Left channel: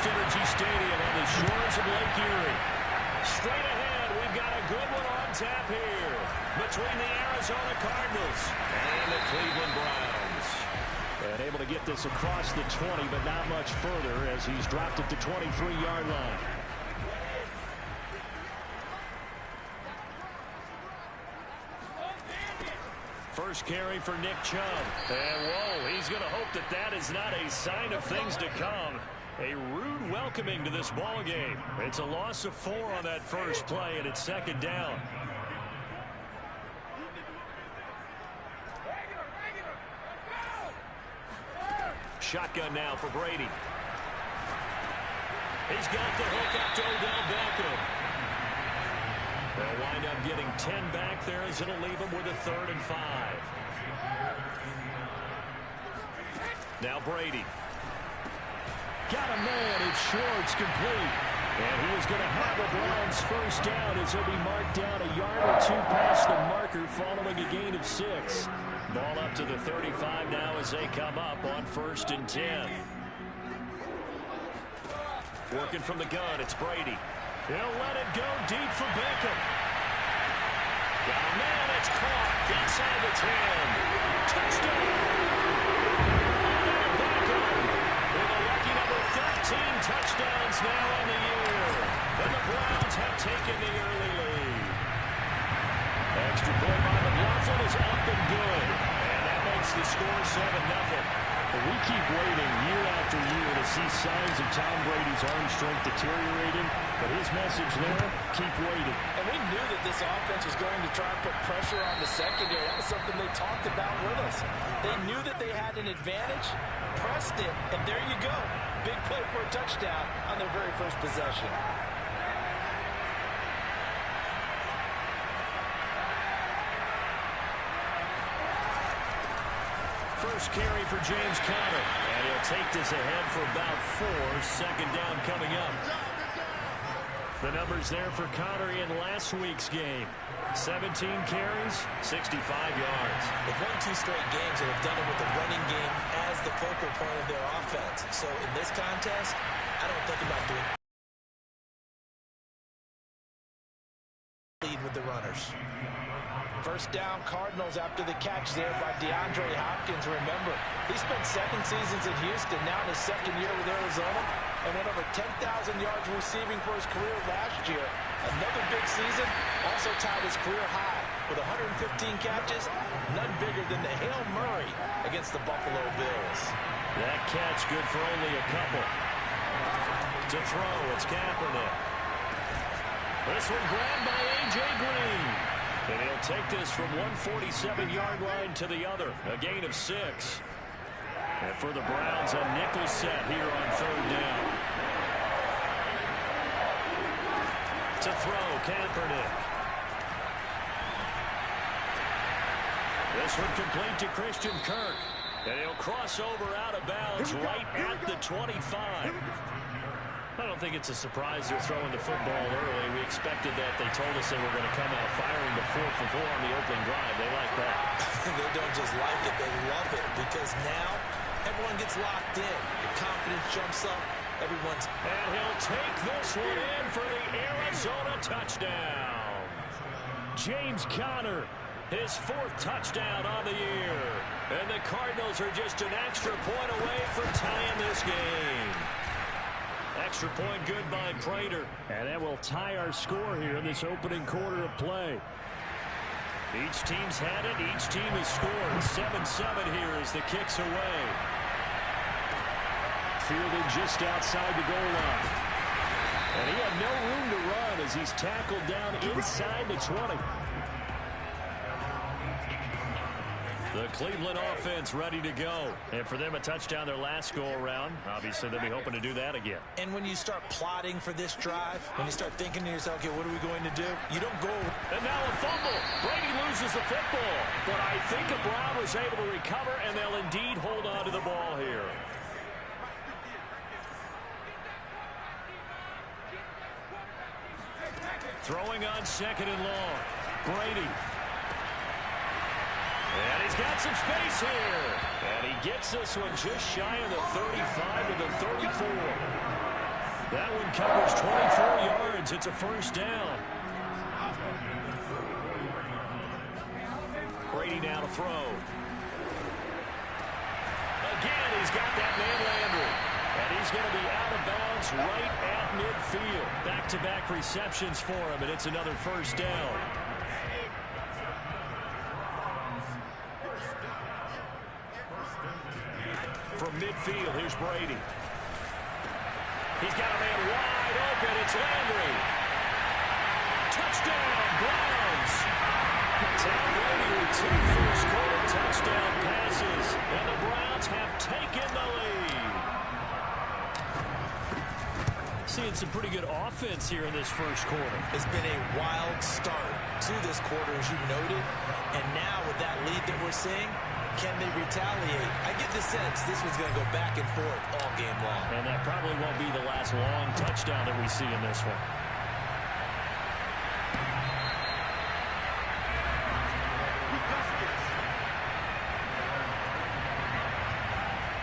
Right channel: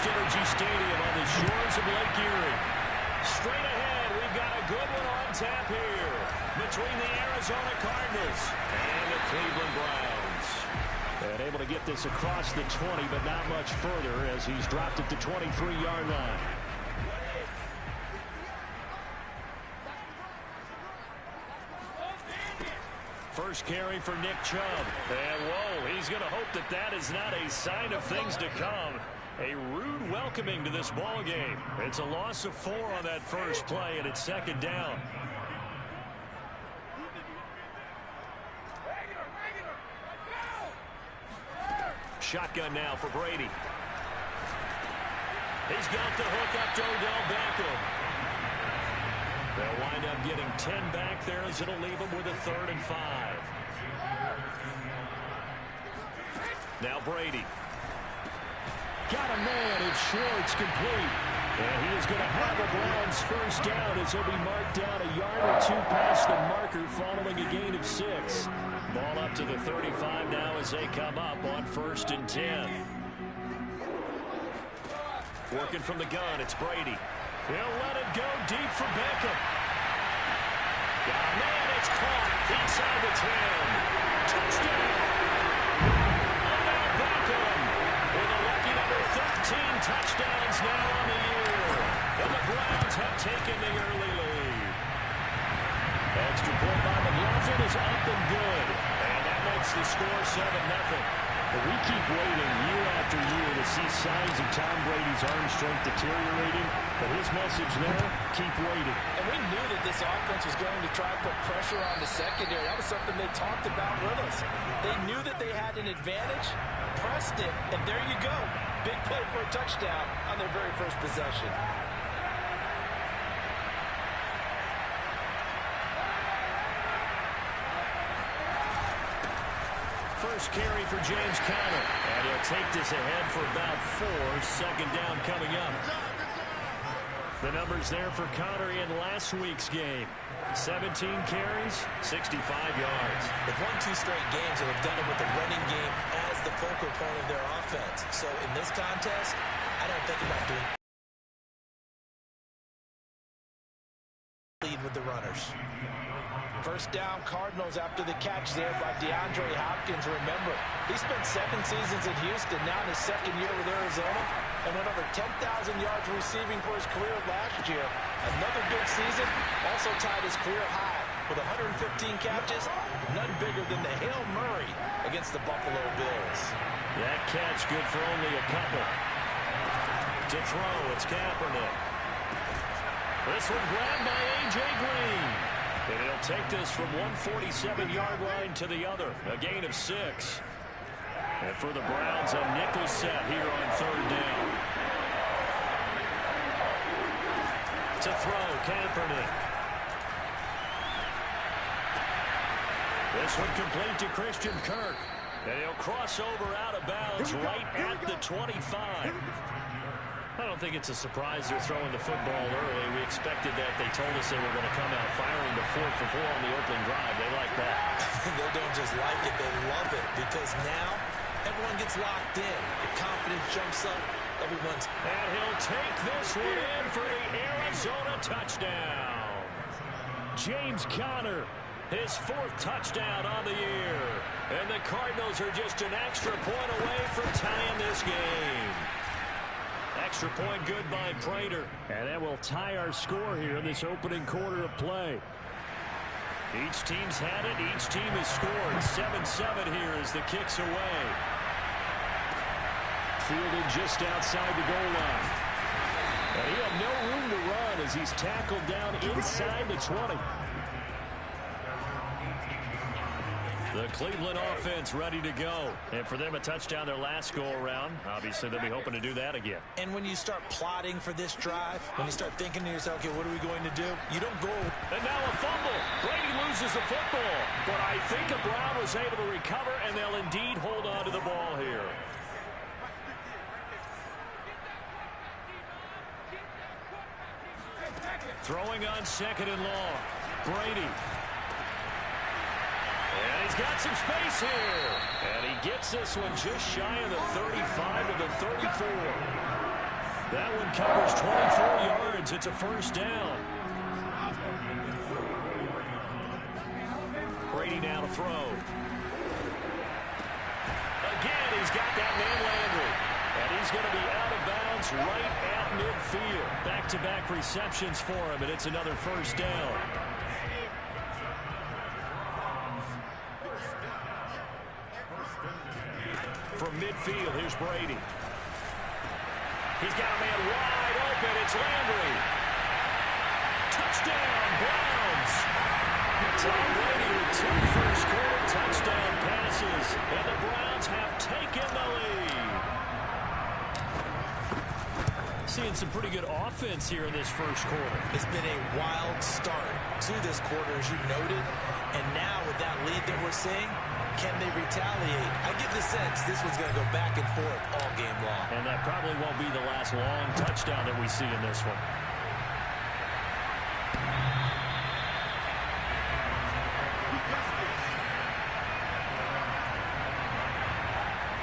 FirstEnergy Stadium on the shores of Lake Erie. Straight ahead, we've got a good one on tap here between the Arizona Cardinals and the Cleveland Browns. And able to get this across the 20, but not much further as he's dropped it to 23-yard line. First carry for Nick Chubb. And, whoa, he's going to hope that that is not a sign of things to come. A rude welcoming to this ball game. It's a loss of 4 on that first play, and it's second down. Shotgun now for Brady. He's got the hook up to Odell Beckham. They'll wind up getting 10 back there as it'll leave them with a 3rd and 5. Now Brady. Got a man. It's Schwartz, complete. And he is going to have a Browns first down as he'll be marked down a yard or 2 past the marker following a gain of 6. Ball up to the 35 now as they come up on 1st and 10. Working from the gun, it's Brady. He'll let it go deep for Beckham. Got a man, it's caught inside the 10. Touchdown! Odell Beckham with a lucky number 13 touchdowns now on the year. And the Browns have taken the early lead. Extra point by McLaughlin is up and good. And that makes the score 7-0. But we keep waiting year after year to see signs of Tom Brady's arm strength deteriorating. But his message there, keep waiting. And we knew that this offense was going to try to put pressure on the secondary. That was something they talked about with us. They knew that they had an advantage, pressed it, and there you go. Big play for a touchdown on their very first possession. First carry for James Conner. And he'll take this ahead for about 4. Second down coming up. The numbers there for Conner in last week's game. 17 carries, 65 yards. They've won 2 straight games and have done it with the running game as the focal point of their offense. So in this contest, I don't think about doing lead with the runners. First down, Cardinals after the catch there by DeAndre Hopkins. Remember, he spent 7 seasons in Houston, now in his 2nd year with Arizona, and went over 10,000 yards receiving for his career last year. Another big season, also tied his career high with 115 catches, none bigger than the Hail Murray against the Buffalo Bills. That catch good for only a couple. To throw, it's Kaepernick. This one grabbed by A.J. Green. And he'll take this from 147-yard line to the other. A gain of 6. And for the Browns, a nickel set here on 3rd down. To throw, Kaepernick. This one complete to Christian Kirk. And he'll cross over out of bounds right at the 25. I don't think it's a surprise they're throwing the football early. We expected that. They told us they were going to come out firing to 4 for 4 on the opening drive. They like that. They don't just like it, they love it, because now everyone gets locked in. The confidence jumps up. Everyone's... And he'll take this one in for the Arizona touchdown. James Conner, his 4th touchdown on the year. And the Cardinals are just an extra point away from tying this game. Extra point good by Prater. And that will tie our score here in this opening quarter of play. Each team's had it. Each team has scored. 7-7 here as the kick's away. Fielded just outside the goal line. And he had no room to run as he's tackled down inside the 20. The Cleveland offense ready to go. And for them, a touchdown their last go-around. Obviously, they'll be hoping to do that again. And when you start plotting for this drive, when you start thinking to yourself, okay, what are we going to do? You don't go. And now a fumble. Brady loses the football. But I think a Brown was able to recover, and they'll indeed hold on to the ball here. Throwing on 2nd and long. Brady. And he's got some space here. And he gets this one just shy of the 35 to the 34. That one covers 24 yards. It's a first down. Brady now to throw. Again, he's got that man Landry. And he's going to be out of bounds right at midfield. Back-to-back receptions for him, and it's another first down. From midfield, here's Brady. He's got a man wide open. It's Landry. Touchdown, Browns. Tom Brady with 2 first-quarter touchdown passes, and the Browns have taken the lead. Seeing some pretty good offense here in this first quarter. It's been a wild start to this quarter, as you noted, and now with that lead that we're seeing, can they retaliate? I get the sense this one's going to go back and forth all game long. And that probably won't be the last long touchdown that we see in this one.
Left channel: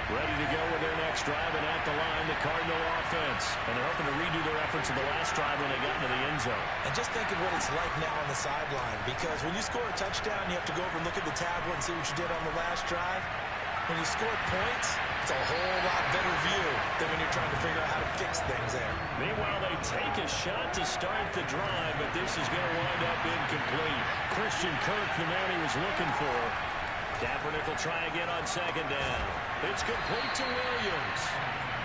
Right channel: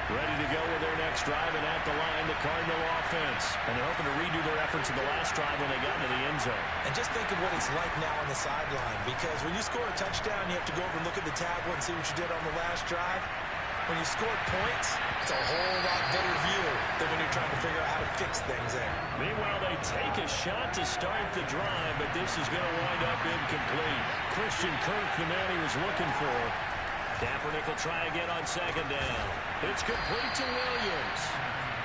Ready to go with their next drive, and at the line, the Cardinal offense. And they're hoping to redo their efforts in the last drive when they got into the end zone. And just think of what it's like now on the sideline, because when you score a touchdown, you have to go over and look at the tablet and see what you did on the last drive. When you score points, it's a whole lot better view than when you're trying to figure out how to fix things there. Meanwhile, they take a shot to start the drive, but this is going to wind up incomplete. Christian Kirk, the man he was looking for. Kaepernick will try again on second down. It's complete to Williams.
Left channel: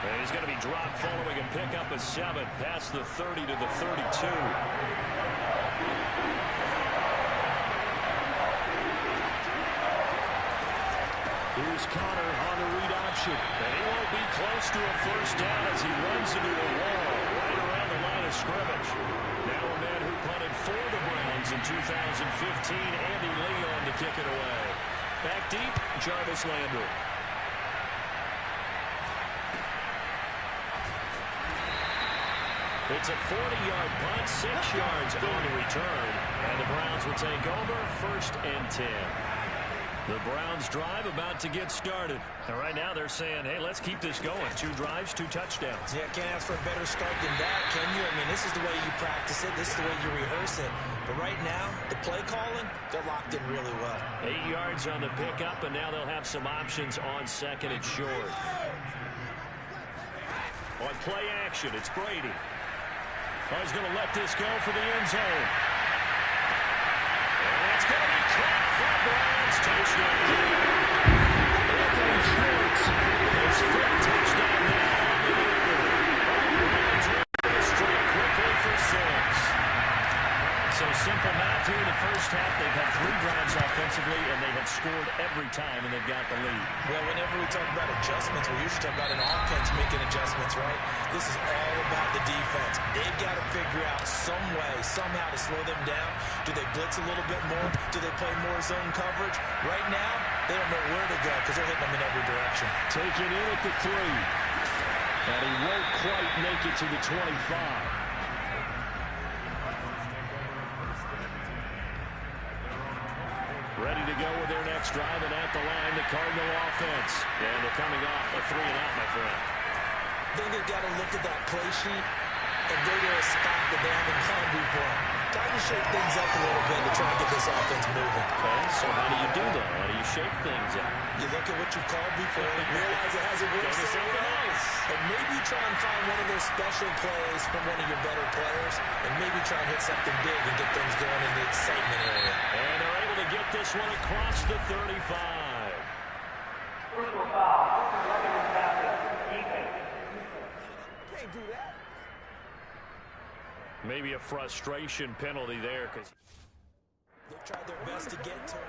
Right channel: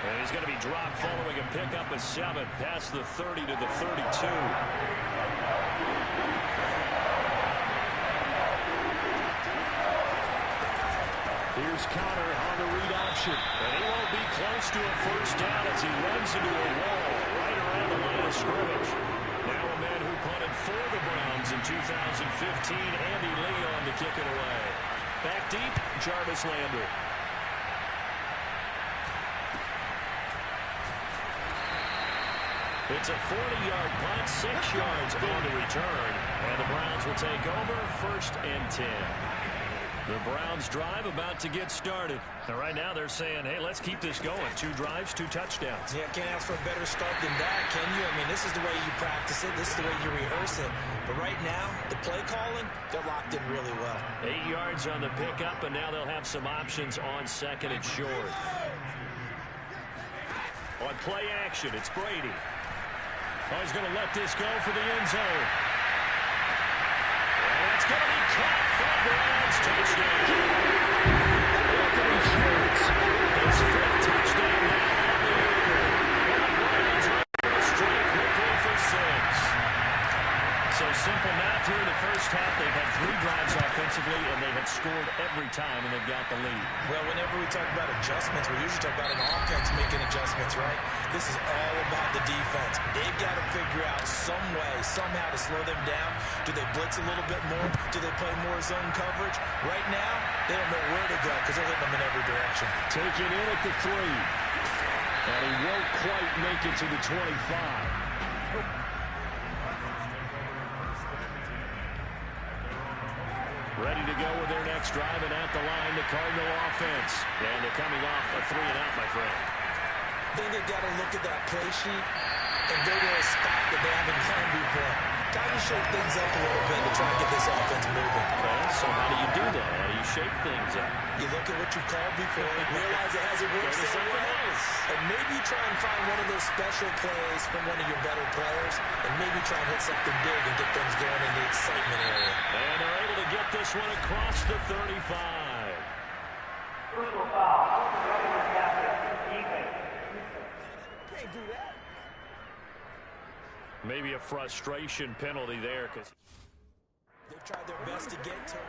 And he's going to be dropped following a pickup of 7 past the 30 to the 32. Here's Connor on the read option. And he won't be close to a first down as he runs into a wall right around the line of scrimmage. Now a man who punted for the Browns in 2015, Andy Leon, to kick it away. Back deep, Jarvis Landry. It's a 40-yard punt, 6 yards on the return. And the Browns will take over, 1st and 10. The Browns drive about to get started. And right now they're saying, hey, let's keep this going. 2 drives, 2 touchdowns. Yeah, can't ask for a better start than that, can you? I mean, this is the way you practice it. This is the way you rehearse it. But right now, the play calling, they're locked in really well. 8 yards on the pickup, and now they'll have some options on 2nd and short. On play action, it's Brady. Oh, he's going to let this go for the end zone. And that's going to be caught for Browns. Touchdown. Anthony Schwartz, his 5th touchdown now on the year. And the Browns are able to strike quickly for 6. So simple math here in the first half. They've had 3 drives offensively, and they have scored every time, and they've got the lead. Well, whenever we talk about adjustments, we usually talk about an offense making adjustments, right? This is all about the defense. They've got to figure out some way, somehow to slow them down. Do they blitz a little bit more? Do they play more zone coverage? Right now, they don't know where to go because they're hitting them in every direction. Taken in at the 3. And he won't quite make it to the 25. Ready to go with their next drive, and at the line, the Cardinal offense. And they're coming off a 3 and out, my friend. I think they've got to look at that play sheet and go to a spot that they haven't gone before. Time to shake things up a little bit to try and get this offense moving. Okay, so how do you do that? How do you shake things up? You look at what you've called before, realize it hasn't worked so something well, else. and maybe try and find one of those special plays from one of your better players, and maybe try and hit something big and get things going in the excitement area. And they're able to get this one across the 35. Personal foul. Defense. Can't do that. Maybe a frustration penalty there because They've tried their best to get to him.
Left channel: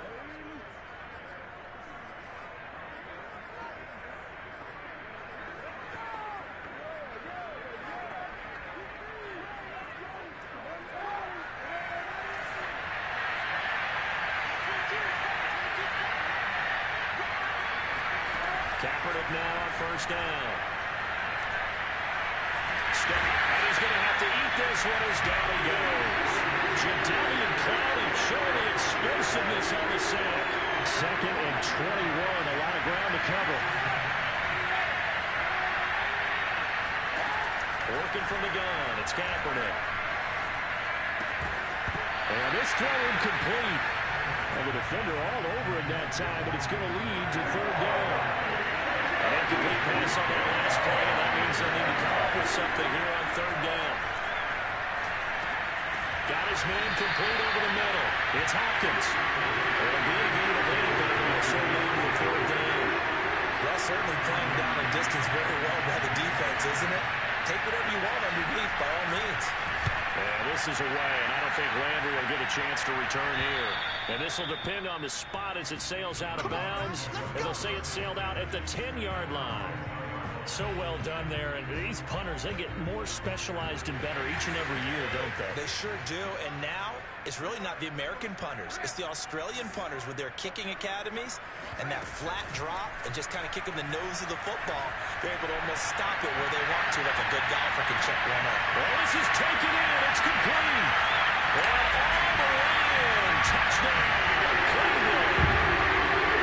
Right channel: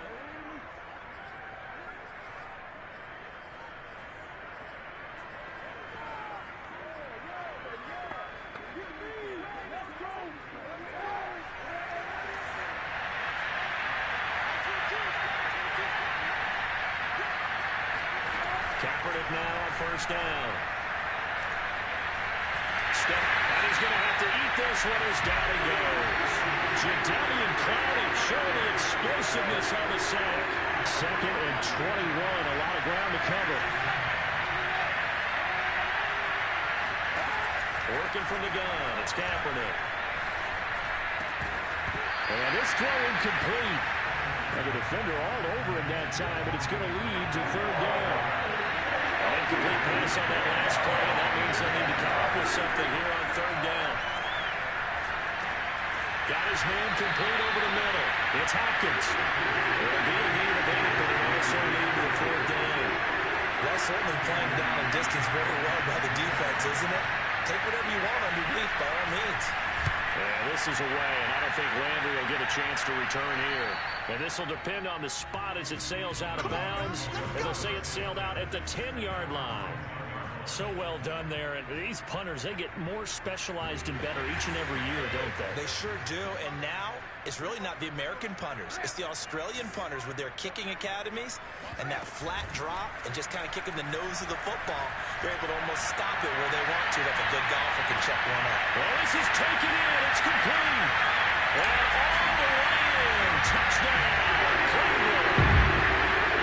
Kaepernick now on 1st down. Step, and he's going to have to eat this one as down he goes. Jadeveon Clowney showing the explosiveness on the sack. 2nd and 21, a lot of ground to cover. Working from the gun, it's Kaepernick. And this throw incomplete. And the defender all over it that time, but it's going to lead to third down. An incomplete pass on that last play, and that means they'll need to come up with something here on third down. Got his man complete over the middle. It's Hopkins. It'll be a gain of 8, but it'll also lead to a fourth down. That's certainly playing down a distance very well by the defense, isn't it? Take whatever you want underneath, by all means. Yeah, this is away, and I don't think Landry will get a chance to return here. And this will depend on the spot as it sails out of bounds. And they'll say it sailed out at the 10-yard line. So well done there. And these punters, they get more specialized and better each and every year, don't they? They sure do. And now it's really not the American punters. It's the Australian punters with their kicking academies and that flat drop and just kind of kicking the nose of the football. They're able to almost stop it where they want to, like a good golfer can check one up. Well, this is taken in. It's complete. And all the way in. Touchdown, Cleveland.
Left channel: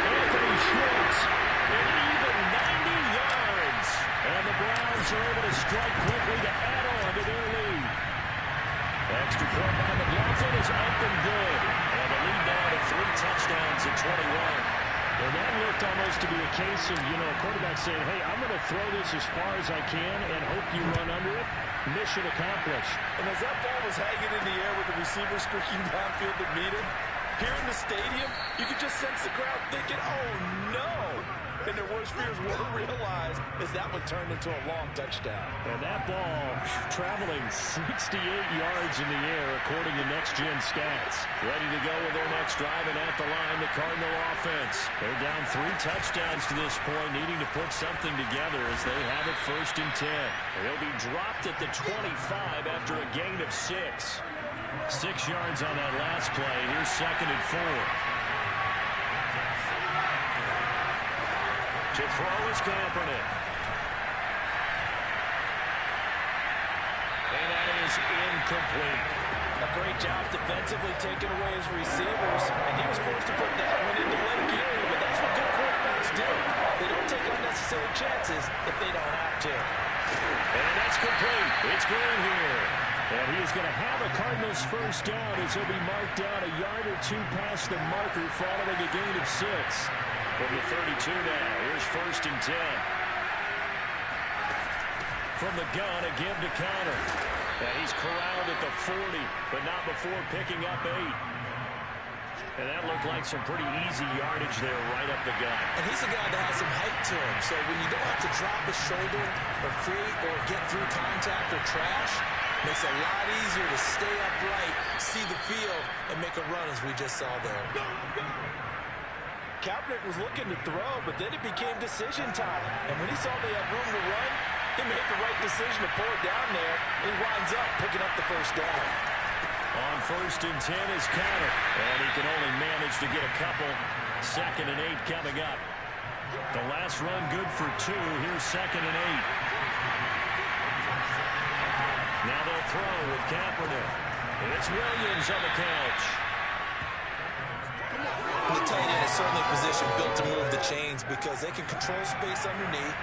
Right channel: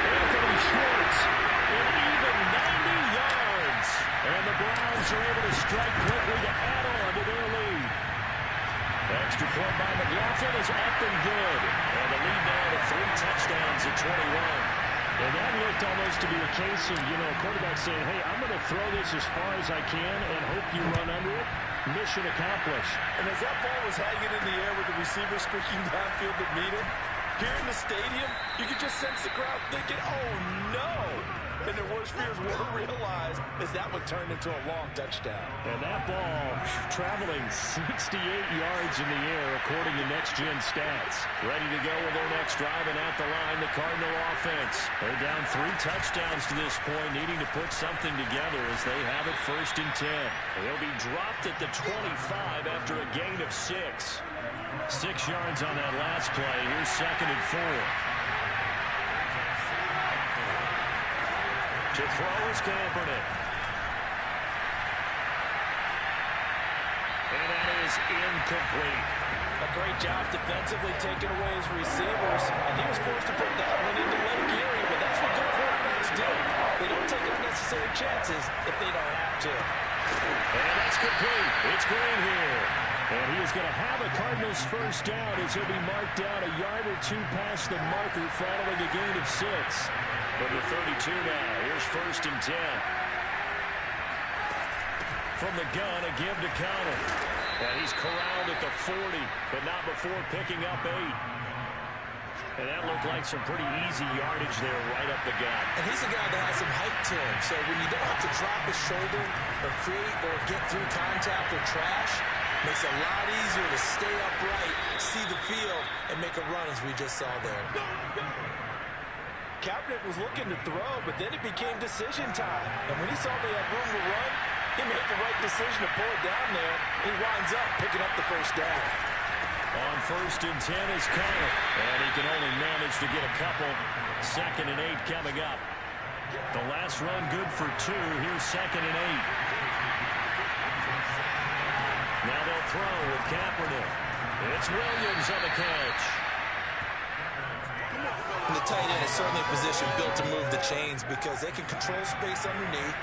Anthony Schwartz, an even 90 yards. And the Browns are able to strike quickly to add on to their lead. Extra point by McLaughlin is up and good. And the lead now to 3 touchdowns at 21. And that looked almost to be a case of, quarterback saying, hey, I'm going to throw this as far as I can and hope you run under it. Mission accomplished. And as that ball was hanging in the air with the receiver streaking downfield to meet it, here in the stadium, you could just sense the crowd thinking, oh, no. And their worst fears were realized as that one turned into a long touchdown. And that ball traveling 68 yards in the air, according to Next Gen Stats. Ready to go with their next drive, and at the line, the Cardinal offense. They're down 3 touchdowns to this point, needing to put something together as they have it 1st and 10. They'll be dropped at the 25 after a gain of 6. 6 yards on that last play. Here's 2nd and 4. To throw is Kaepernick. And that is incomplete. A great job defensively taking away his receivers, and he was forced to put that one into Lake Erie, but that's what good quarterbacks do. They don't take unnecessary chances if they don't have to. And that's complete. It's Green here. And he is going to have a Cardinals first down as he'll be marked down a yard or 2 past the marker following a gain of 6. From the 32 now, here's 1st and 10. From the gun, a give to Connor. And he's corralled at the 40, but not before picking up 8. And that looked like some pretty easy yardage there right up the gut. And he's a guy that has some height to him, so when you don't have to drop a shoulder or create or get through contact or trash, makes it a lot easier to stay upright, see the field, and make a run as we just saw there. Kaepernick was looking to throw, but then it became decision time. And when he saw they had room to run, he made the right decision to pull it down there, and he winds up picking up the first down. On 1st and 10 is Connor, and he can only manage to get a couple. 2nd and 8 coming up. The last run good for 2. Here's 2nd and 8. Now they'll throw with Kaepernick. It's Williams on the catch. And the tight end is certainly a position built to move the chains because they can control space underneath.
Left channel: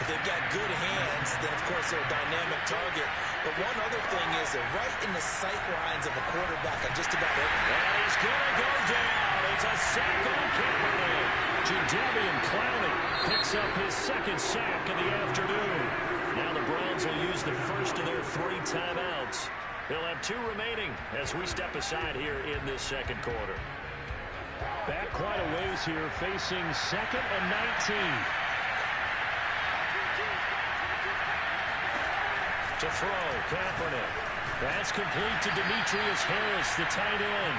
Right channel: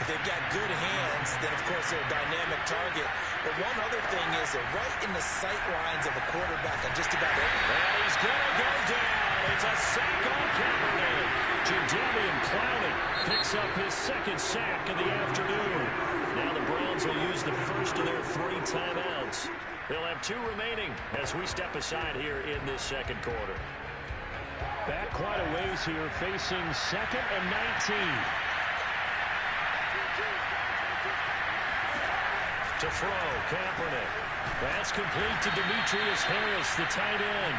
If they've got good hands, then, of course, they're a dynamic target. But one other thing is they're right in the sight lines of a quarterback on just about every. And he's going to go down. It's a sack on Kaepernick. Jadeveon Clowney picks up his 2nd sack of the afternoon. Now the Browns will use the first of their 3 timeouts. They'll have 2 remaining as we step aside here in this 2nd quarter. Back quite a ways here, facing 2nd and 19. To throw, Kaepernick. That's complete to Demetrius Harris, the tight end.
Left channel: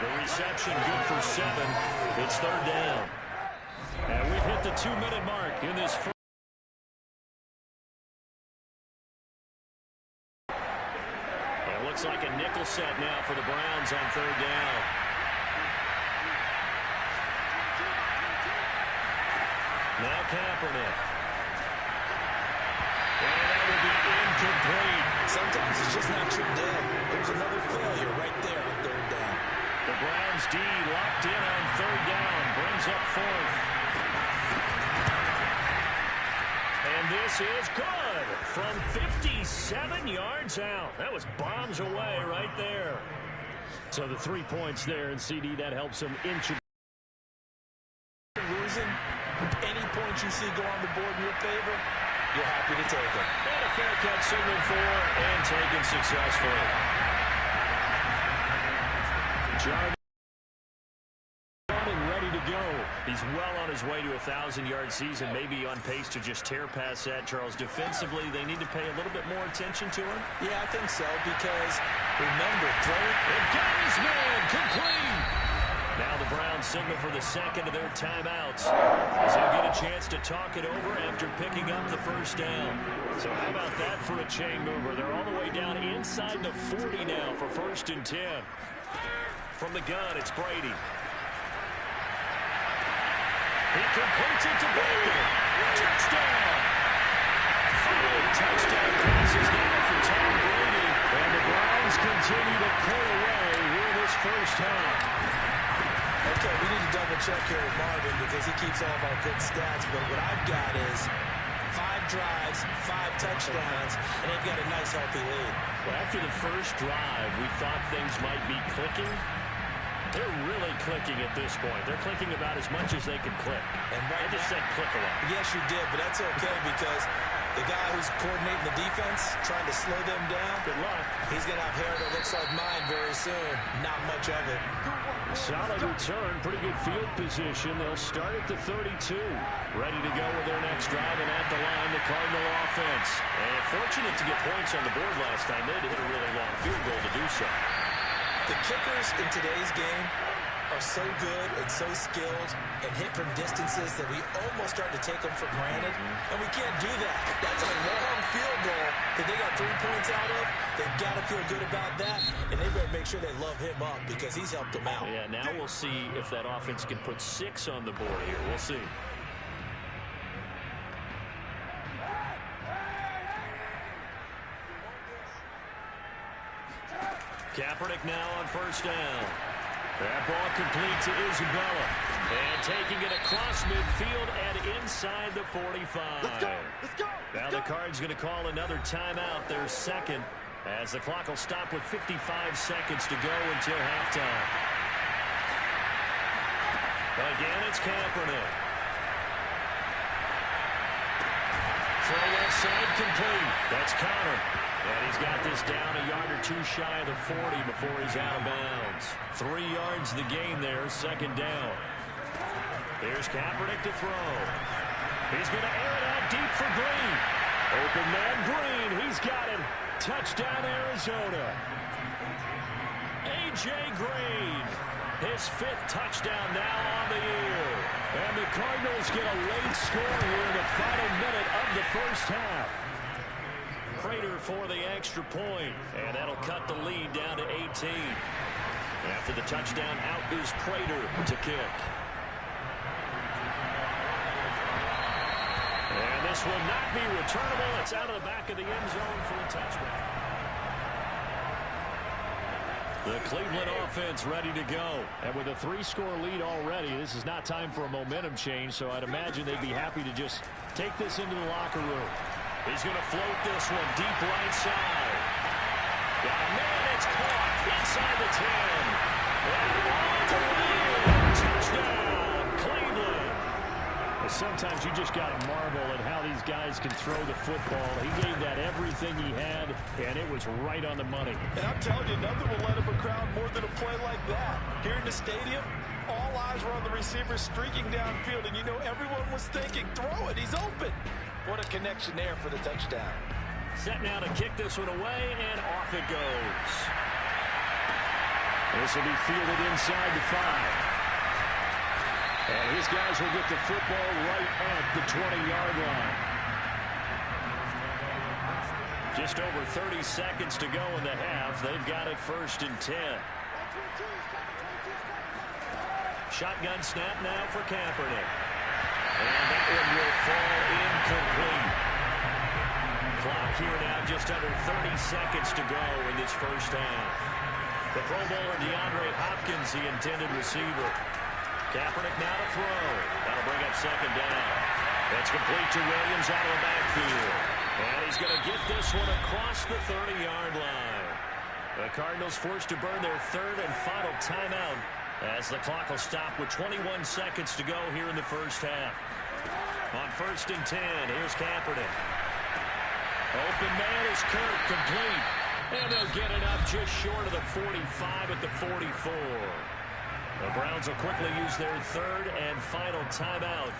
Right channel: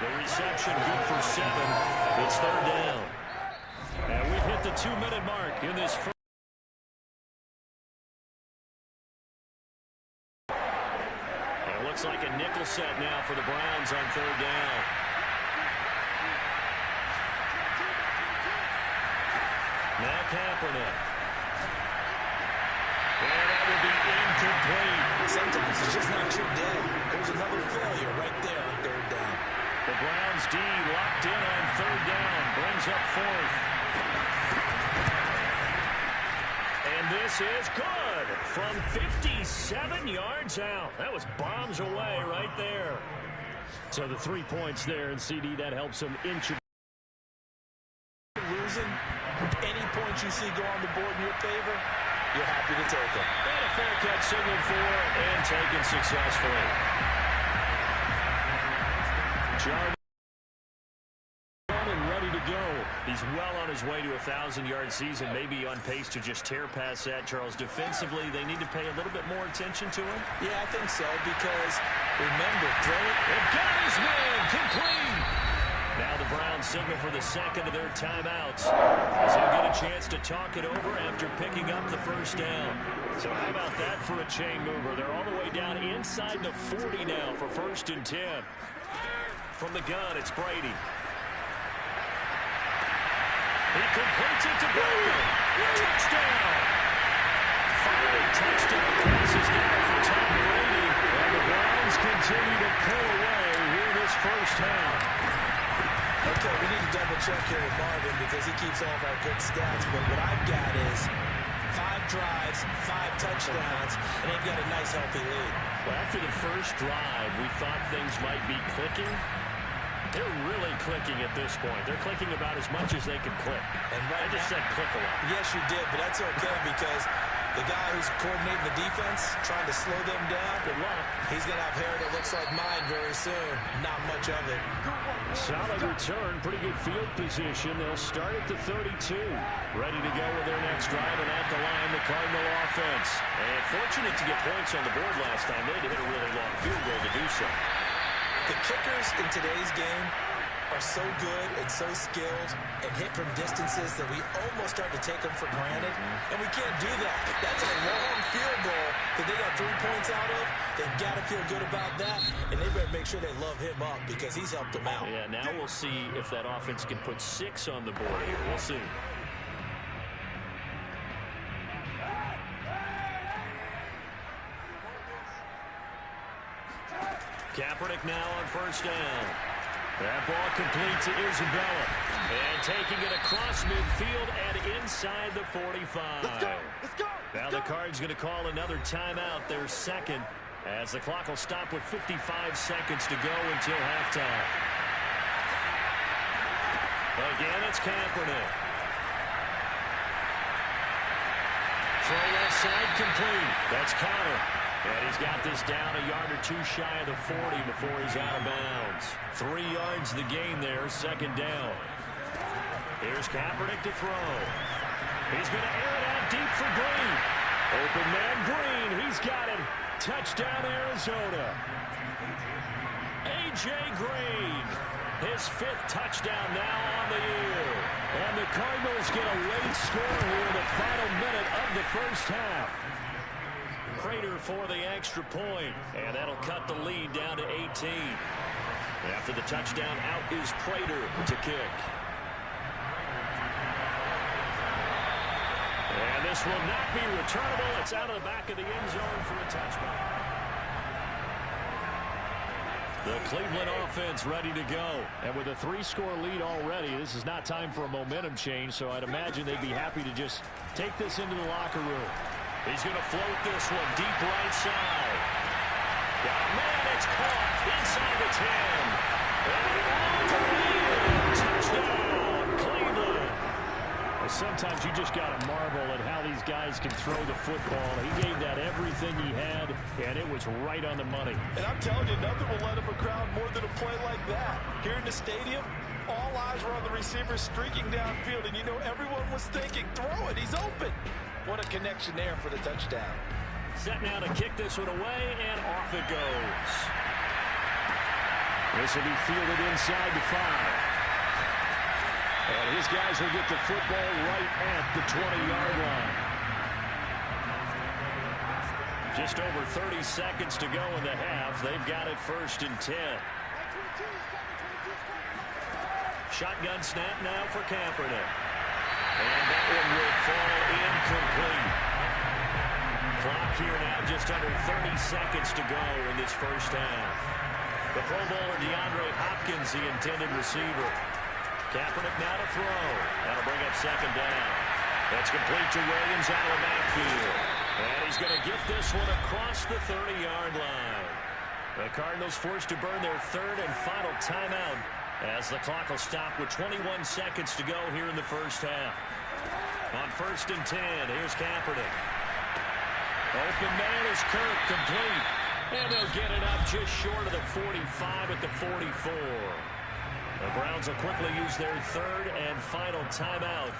The reception good for 7. It's 3rd down. And we've hit the 2-minute mark in this first. It looks like a nickel set now for the Browns on 3rd down. Now Kaepernick. And that will be incomplete. Sometimes it's just not your day. There's another failure right there on 3rd down. The Browns D locked in on 3rd down. Brings up 4th. And And this is good from 57 yards out. That was bombs away right there. So the 3 points there, and CD, that helps him inch. Losing, any points you see go on the board in your favor, you're happy to take them. And a fair catch signaled for and taken successfully. Jarvis and ready to go. He's well on his way to a 1,000-yard season, maybe on pace to just tear past that, Charles. Defensively, they need to pay a little bit more attention to him. Yeah, I think so, because remember, throw it. It got his man complete. Now the Browns signal for the second of their timeouts, as they'll get a chance to talk it over after picking up the first down. So how about that for a chain mover? They're all the way down inside the 40 now for 1st and 10. From the gun, it's Brady. He completes it to Beckham. Touchdown. 5 touchdown passes now for Tom Brady. And the Browns continue to pull away here this first half. Okay, we need to double-check here with Marvin because he keeps all of our good stats. But what I've got is 5 drives, 5 touchdowns, and they've got a nice, healthy lead. Well, after the first drive, we thought things might be clicking. They're really clicking at this point. They're clicking about as much as they can click. And I just said click a lot. Yes, you did, but that's okay because the guy who's coordinating the defense, trying to slow them down, good luck. He's going to have hair that looks like mine very soon. Not much of it. Solid return, pretty good field position. They'll start at the 32. Ready to go with their next drive, and at the line, the Cardinal offense. And fortunate to get points on the board last time. They had to hit a really long field goal to do so. The kickers in today's game are so good and so skilled and hit from distances that we almost start to take them for granted. And we can't do that. That's a long field goal that they got 3 points out of. They've got to feel good about that, and they better make sure they love him up because he's helped them out. Yeah, now we'll see if that offense can put 6 on the board here. We'll see. Kaepernick now on first down. That ball complete to Isabella. And taking it across midfield and inside the 45. Let's go! Let's go! Now the Cards going to call another timeout, their second, as the clock will stop with 55 seconds to go until halftime. Again, it's Kaepernick. Throw left side complete. That's Connor. And he's got this down a yard or 2 shy of the 40 before he's out of bounds. 3 yards the gain there, second down. Here's Kaepernick to throw. He's going to air it out deep for Green. Open man Green, he's got it. Touchdown Arizona. A.J. Green, his 5th touchdown now on the year. And the Cardinals get a late score here in the final minute of the first half. Prater for the extra point, and that'll cut the lead down to 18. After the touchdown, out is Prater to kick. And this will not be returnable. It's out of the back of the end zone for a touchback. The Cleveland offense ready to go. And with a 3-score lead already, this is not time for a momentum change, so I'd imagine they'd be happy to just take this into the locker room. He's going to float this one deep right side. Got a man, it's caught inside the 10. And all the way in. Touchdown, Cleveland. And sometimes you just got to marvel at how these guys can throw the football. He gave that everything he had, and it was right on the money. And I'm telling you, nothing will let up a crowd more than a play like that. Here in the stadium, all eyes were on the receiver streaking downfield, and you know everyone was thinking, throw it, he's open. What a connection there for the touchdown. Set now to kick this one away, and off it goes. This will be fielded inside the 5. And his guys will get the football right at the 20-yard line. Just over 30 seconds to go in the half. They've got it 1st and 10. Shotgun snap now for Kaepernick. And that one will fall incomplete. Clock here now, just under 30 seconds to go in this first half. The Pro Bowler DeAndre Hopkins, the intended receiver. Kaepernick now to throw. That'll bring up second down. It's complete to Williams out of the backfield. And he's going to get this one across the 30-yard line. The Cardinals forced to burn their third and final timeout as the clock will stop with 21 seconds to go here in the first half. On 1st and 10, here's Kaepernick. Open man is Kirk, complete. And they'll get it up just short of the 45 at the 44. The Browns will quickly use their third and final timeout,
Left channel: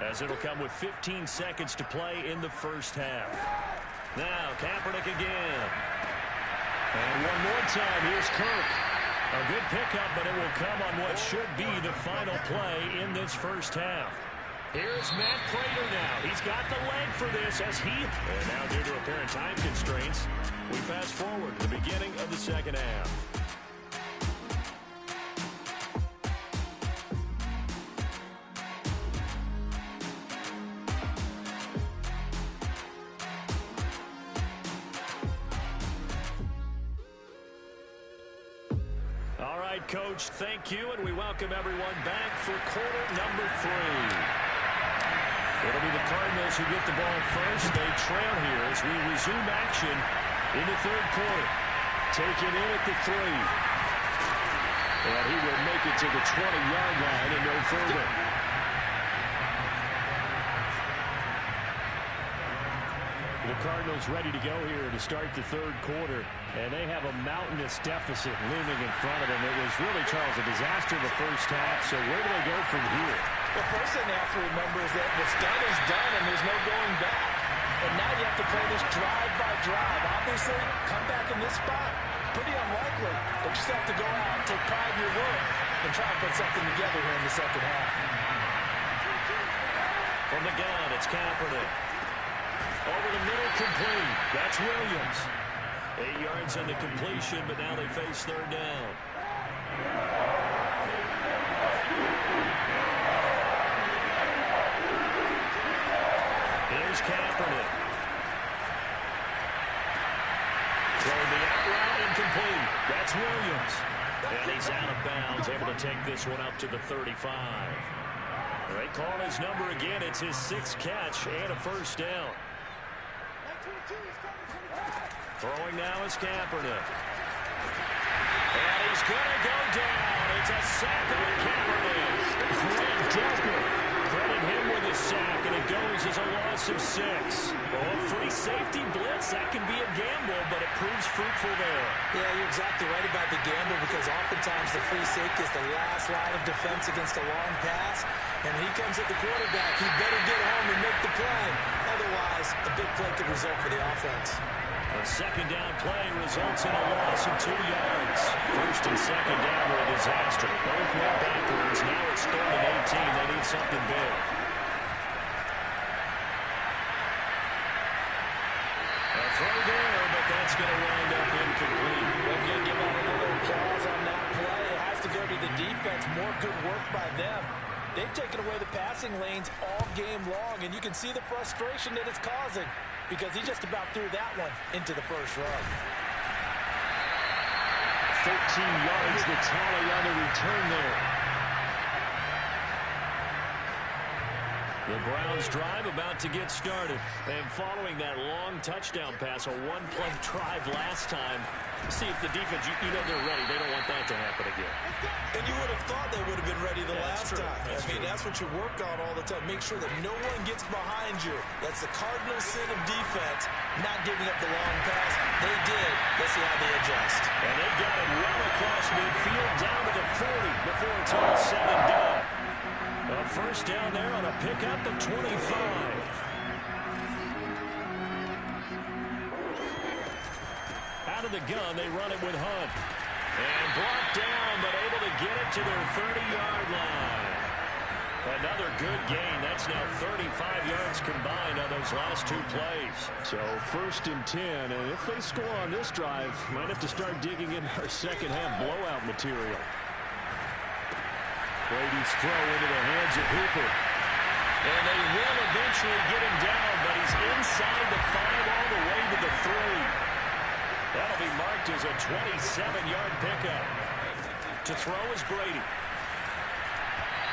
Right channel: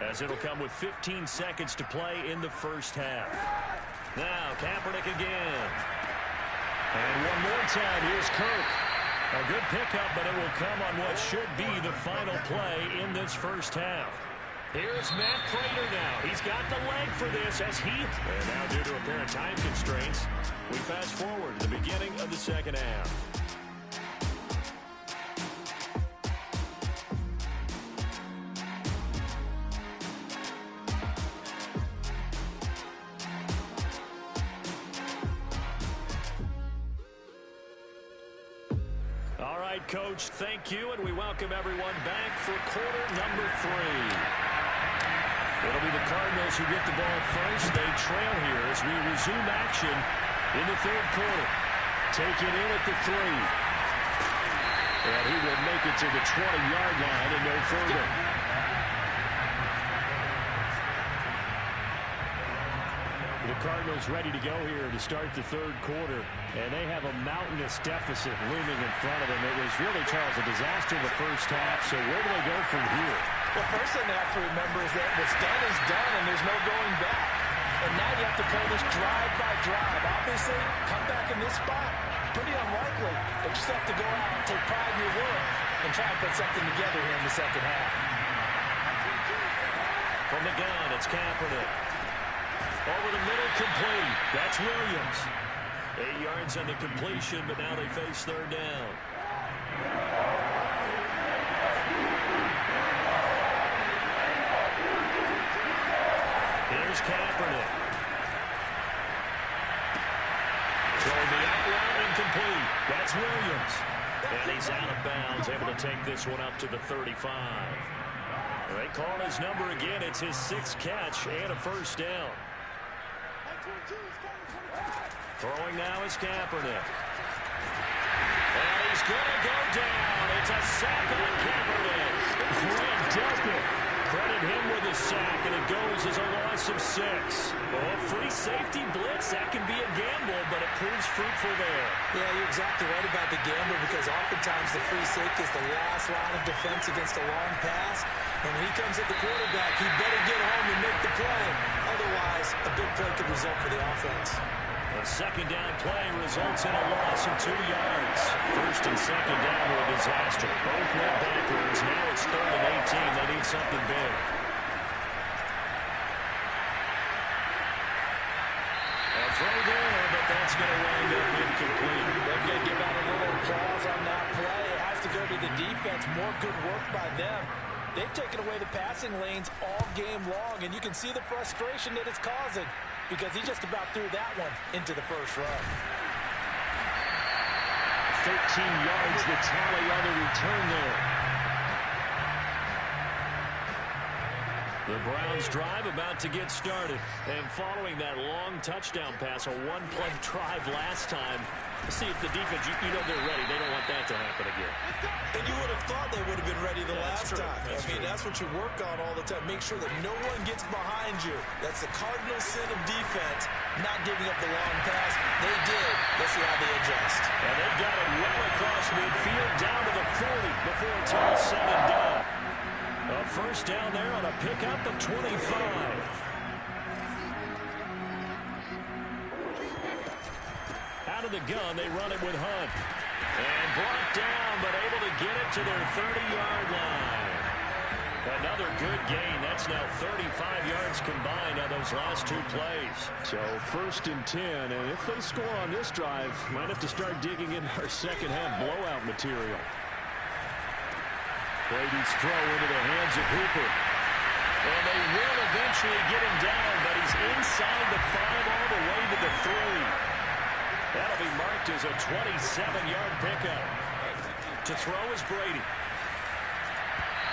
as it'll come with 15 seconds to play in the first half. Now, Kaepernick again. And one more time, here's Kirk. A good pickup, but it will come on what should be the final play in this first half. Here's Matt Prater now. He's got the leg for this as he... And now due to apparent time constraints, we fast forward to the beginning of the second half. All right, Coach, thank you, and we welcome everyone back for quarter number 3. It'll be the Cardinals who get the ball first. They trail here as we resume action in the third quarter. Taken in at the 3. And he will make it to the 20-yard line and no further. The Cardinals ready to go here to start the third quarter, and they have a mountainous deficit looming in front of them. It was really, Charles, a disaster the first half, so where do they go from here? Well, first thing they have to remember is that what's done is done, and there's no going back. And now you have to play this drive by drive. Obviously, come back in this spot, pretty unlikely, but you just have to go out, take pride in your work, and try and put something together here in the second half. From the gun, it's Kaepernick. Over the middle, complete. That's Williams. 8 yards on the completion, but now they face third down. Here's Kaepernick. Throwing the out route, incomplete. That's Williams. And he's out of bounds, able to take this one up to the 35. They call his number again. It's his 6th catch and a first down. Throwing now is Kaepernick. And he's going to go down. It's a sack on Kaepernick. Credit him with a sack, and it goes as a loss of 6. Oh, free safety blitz, that can be a gamble, but it proves fruitful there. Yeah, you're exactly right about the gamble, because oftentimes the free safety is the last line of defense against a long pass. And when he comes at the quarterback, he better get home and make the play. Otherwise, a big play could result for the offense. A second down play results in a loss of 2 yards. First and second down were a disaster. Both went backwards. Now it's 3rd and 18. They need something big. A throw there, but that's going to wind up incomplete. They're going to give out a little applause on that play. It has to go to the defense. More good work by them. They've taken away the passing lanes all game long, and you can see the frustration that it's causing, because he just about threw that one into the first row. 13 yards, the tally on the return there. The Browns drive about to get started. And following that long touchdown pass, a one-play drive last time, see if the defense, you know they're ready. They don't want that to happen again. And you would have thought they would have been ready the last time. That's what you work on all the time. Make sure that no one gets behind you. That's the cardinal sin of defense, not giving up the long pass. They did. Let's see how they adjust. And they've got it well across midfield down to the 40 before it's all said and done. A first down there on a pickup of 25. Out of the gun, they run it with Hunt. And brought down, but able to get it to their 30-yard line. Another good gain. That's now 35 yards combined on those last 2 plays. So 1st and 10, and if they score on this drive, might have to start digging in our second half blowout material. Brady's throw into the hands of Hooper. And they will eventually get him down, but he's inside the 5 all the way to the 3. That'll be marked as a 27-yard pickup. To throw is Brady.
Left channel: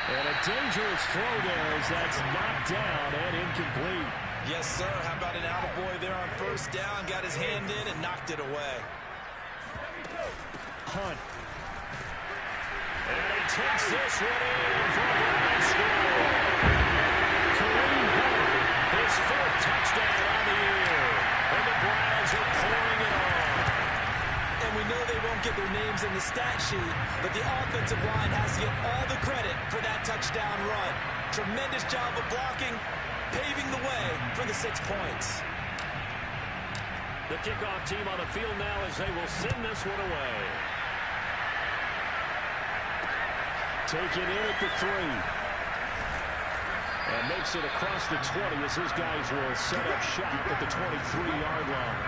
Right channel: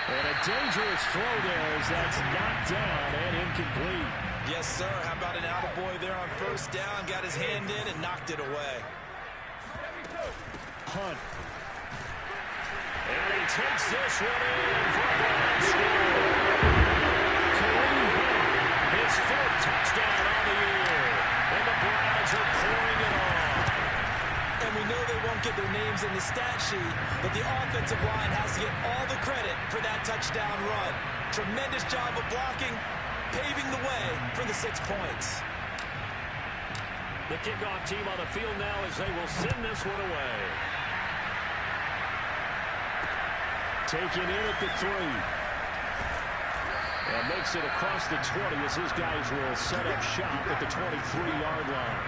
And a dangerous throw there as that's knocked down and incomplete. Yes, sir. How about an attaboy there on first down? Got his hand in and knocked it away. Hunt. And he takes this one in for a Browns score. Kareem Hunt, his fourth touchdown on the year. And the Browns are pouring it on. And we know they won't get their names in the stat sheet, but the offensive line has to get all the credit for that touchdown run. Tremendous job of blocking, paving the way for the 6 points. The kickoff team on the field now as they will send this one away. Taken in at the 3. And makes it across the 20 as his guys will set up shop at the 23-yard line.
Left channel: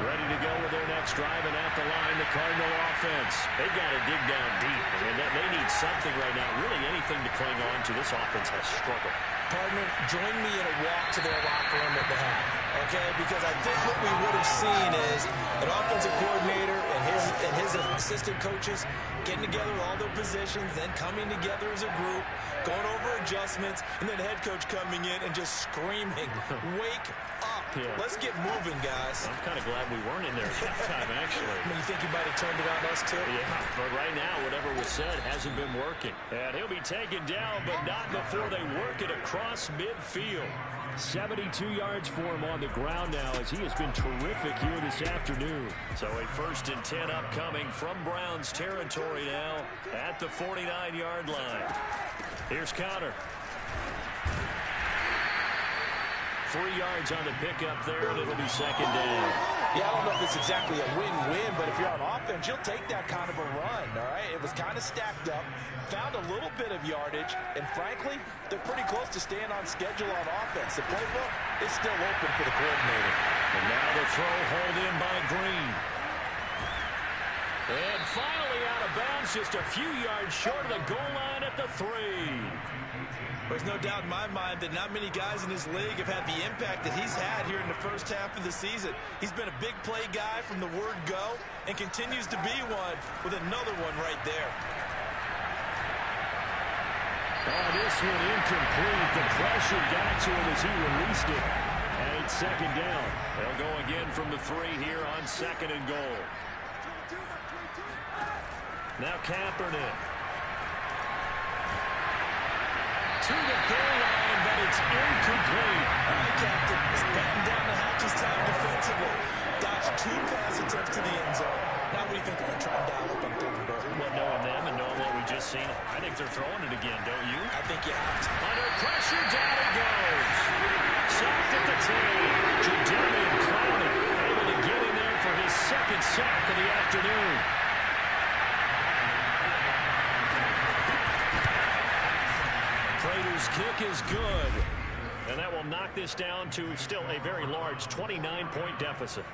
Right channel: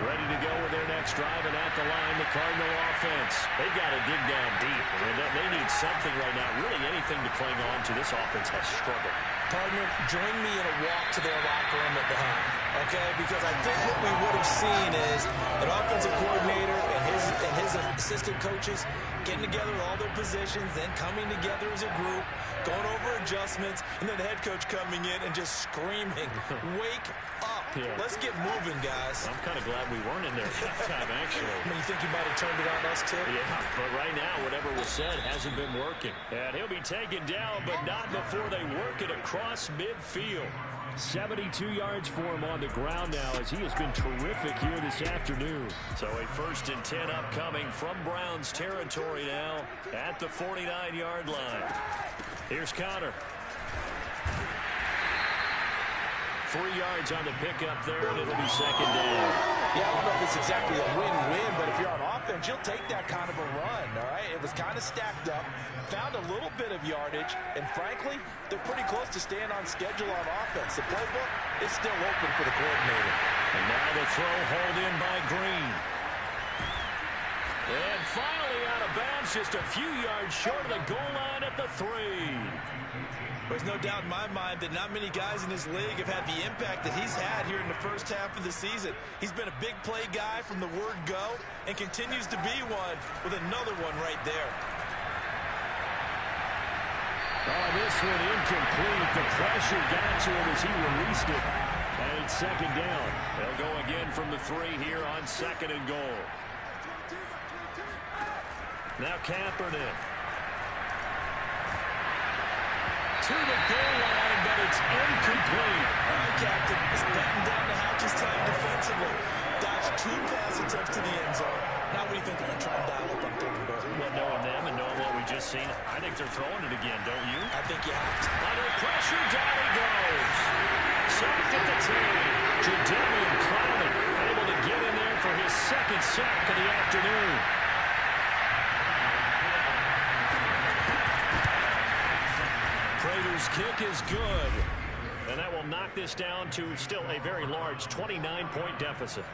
Ready to go with their next drive, and at the line, the Cardinal offense. They've got to dig down deep. I mean, they need something right now. Really anything to cling on to. This offense has struggled. Partner, join me in a walk to their locker room at the half, okay? Because I think what we would have seen is an offensive coordinator and his assistant coaches getting together with all their positions, then coming together as a group, going over adjustments, and then the head coach coming in and just screaming, wake up. Yeah. Let's get moving, guys. I'm kind of glad we weren't in there at halftime, actually. I mean, you think you might have turned it on us, too? Yeah, but right now, whatever was said hasn't been working. And he'll be taken down, but not before they work it across midfield. 72 yards for him on the ground now as he has been terrific here this afternoon. So a 1st and 10 upcoming from Browns territory now at the 49-yard line. Here's Connor. 3 yards on the pickup there, and it'll be 2nd down. Yeah, I don't know if it's exactly a win-win, but if you're on offense, you'll take that kind of a run, all right? It was kind of stacked up, found a little bit of yardage, and frankly, they're pretty close to staying on schedule on offense. The playbook is still open for the coordinator. And now the throw hauled in by Green. And finally out of bounds, just a few yards short of the goal line at the 3. There's no doubt in my mind that not many guys in this league have had the impact that he's had here in the first half of the season. He's been a big play guy from the word go and continues to be one with another one right there. Oh, this one incomplete. The pressure got to him as he released it. And it's 2nd down. They'll go again from the 3 here on 2nd and goal. Now Kaepernick. To the goal line, but it's incomplete. All right, Captain. It's batting down the hatches time defensively. Dodged 2 pass attempts to the end zone. Now what do you think they're going to try and dial up on 3rd and goal? Well, knowing them and knowing what we just seen, I think they're throwing it again, don't you? I think you have to. Under pressure, down he goes. Sacked at the 10. Jadamian Clowney able to get in there for his 2nd sack of the afternoon. Prater's kick is good. And that will knock this down to still a very large 29-point deficit.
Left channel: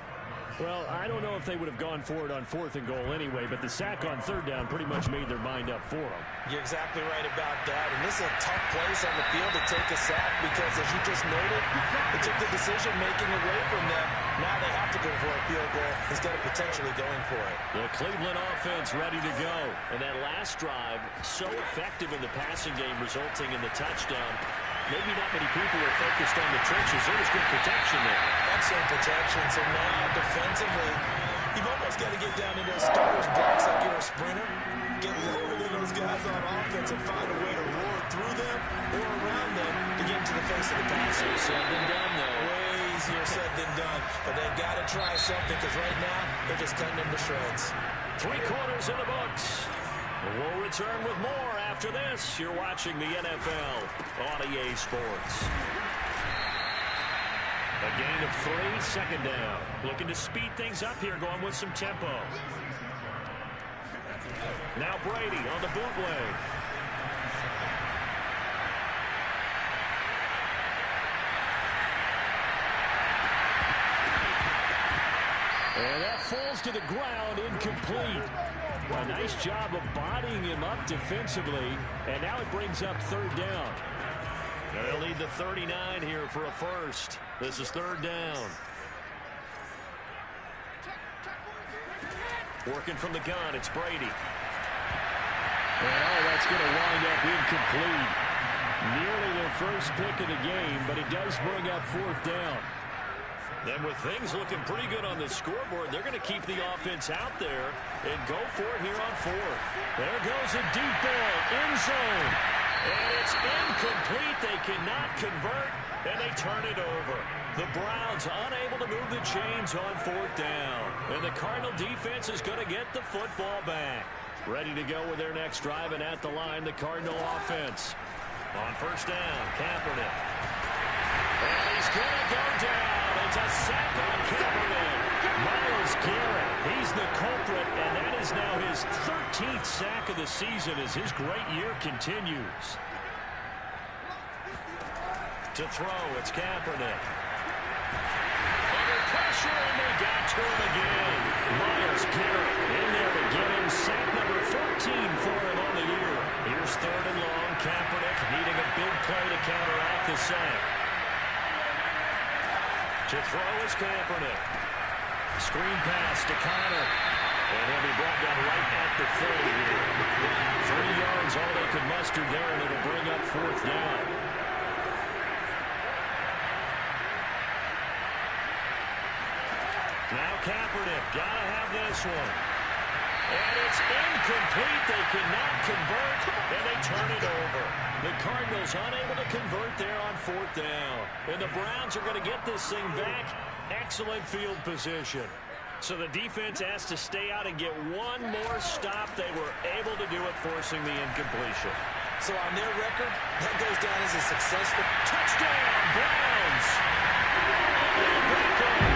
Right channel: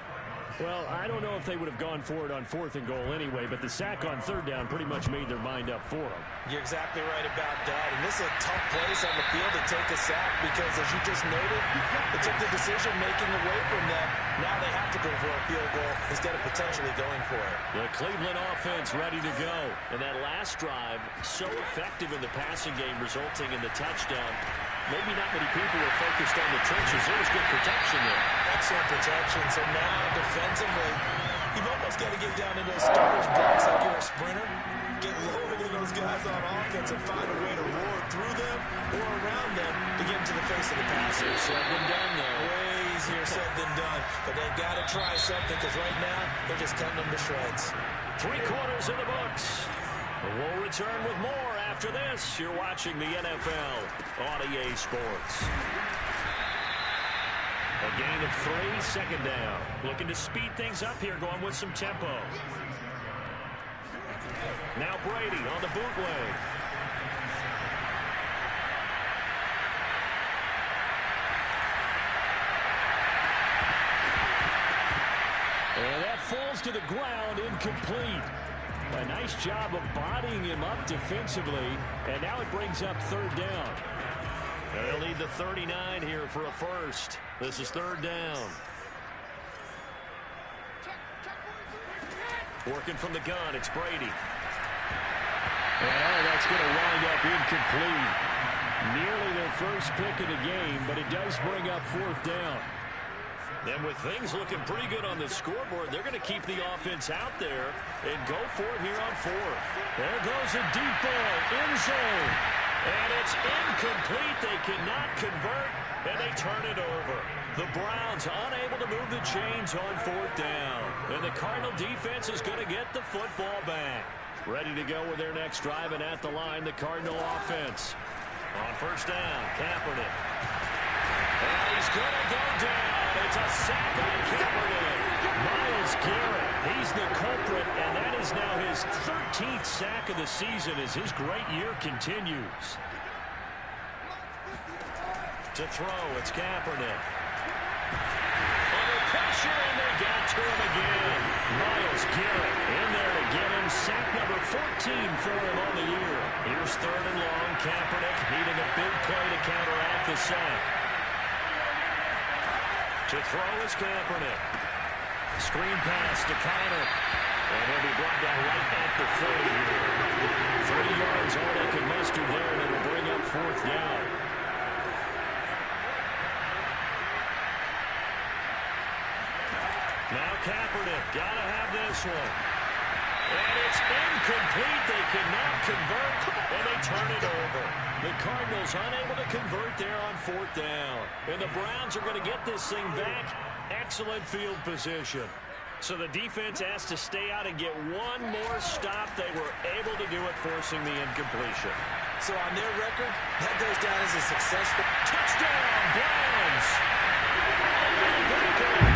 Well, I don't know if they would have gone for it on 4th and goal anyway, but the sack on 3rd down pretty much made their mind up for them. You're exactly right about that. And this is a tough place on the field to take a sack because, as you just noted, it took the decision-making away from them. Now they have to go for a field goal instead of potentially going for it. The Cleveland offense ready to go. And that last drive, so effective in the passing game, resulting in the touchdown. Maybe not many people were focused on the trenches. There was good protection there. Excellent protection. So now, defensively, you've almost got to get down into those starters' blocks like you're a sprinter. Get lower than those guys on offense and find a way to roar through them or around them to get into the face of the passer. Said and done, though. Way easier said than done. But they've got to try something because right now, they're just cutting them to shreds. 3 quarters in the books. We'll return with more after this. You're watching the NFL on EA Sports. A gain of 3, 2nd down. Looking to speed things up here, going with some tempo. Now Brady on the bootleg. And that falls to the ground, incomplete. A nice job of bodying him up defensively, and now it brings up 3rd down. They'll need the 39 here for a first. This is 3rd down. Working from the gun, it's Brady. And that's going to wind up incomplete. Nearly their first pick of the game, but it does bring up fourth down. And with things looking pretty good on the scoreboard, they're going to keep the offense out there and go for it here on fourth. There goes a deep ball, end zone. And it's incomplete. They cannot convert, and they turn it over. The Browns unable to move the chains on fourth down. And the Cardinal defense is going to get the football back. Ready to go with their next drive, and at the line, the Cardinal offense. On first down, Kaepernick. And he's going to go down. It's a sack on Kaepernick. Myles Garrett, he's the culprit, and that is now his 13th sack of the season as his great year continues. To throw, it's Kaepernick. Under pressure, and they got to him again. Myles Garrett in there to get him sack number 14 for him on the year. Here's third and long. Kaepernick needing a big play to counteract the sack. To throw is Kaepernick. Screen pass to Connor. And he'll be brought down right at the 30 here. 3 yards, all they can muster there, and it'll bring up fourth down. Now Kaepernick, gotta have this one. And it's incomplete. They cannot convert, and they turn it over. The Cardinals unable to convert there on fourth down. And the Browns are going to get this thing back. Excellent field position. So the defense has to stay out and get one more stop. They were able to do it, forcing the incompletion. So on their record, that goes down as a successful touchdown, Browns. Odell Beckham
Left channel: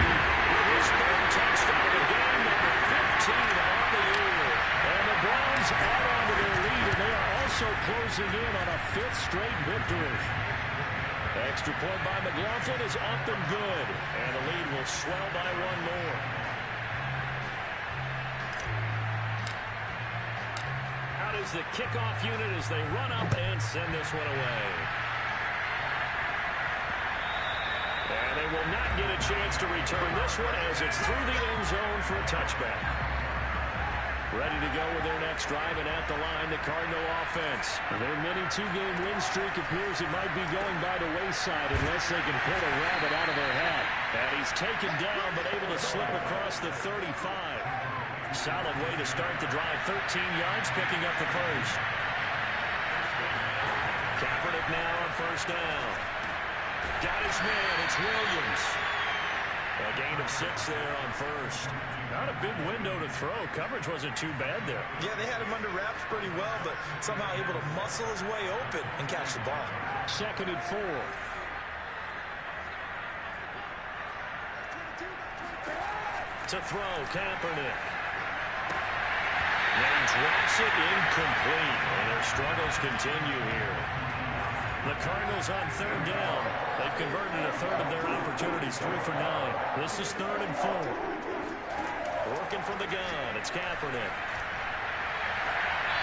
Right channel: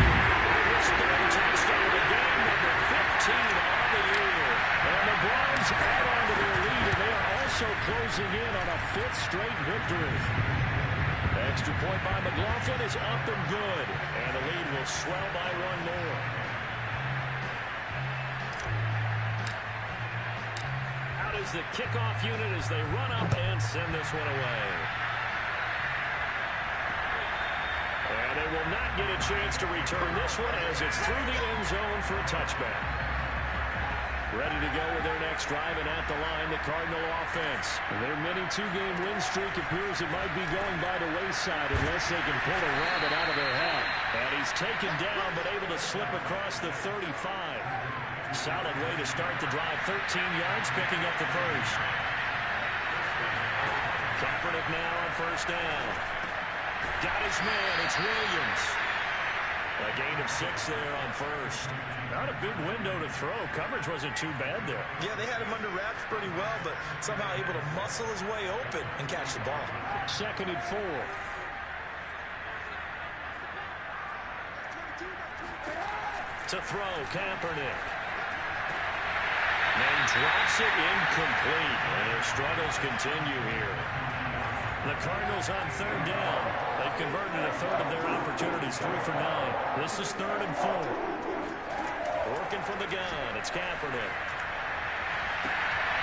with his third touchdown of the game, number 15 on the year. And the Browns add on to their lead, and they are also closing in on a 5th straight victory. Extra point by McLaughlin is up and good, and the lead will swell by one more. Out is the kickoff unit as they run up and send this one away. And they will not get a chance to return this one as it's through the end zone for a touchback. Ready to go with their next drive, and at the line, the Cardinal offense. Their mini 2-game win streak appears it might be going by the wayside unless they can pull a rabbit out of their hat. And he's taken down but able to slip across the 35. Solid way to start the drive. 13 yards, picking up the first. Kaepernick now on first down. Got his man. It's Williams. A gain of 6 there on first. Not a big window to throw. Coverage wasn't too bad there. Yeah, they had him under wraps pretty well, but somehow able to muscle his way open and catch the ball. 2nd and 4. To throw, Kaepernick. And he drops it incomplete. And their struggles continue here. The Cardinals on third down. They've converted a third of their opportunities, 3 for 9. This is 3rd and 4. Working from the gun. It's Kaepernick.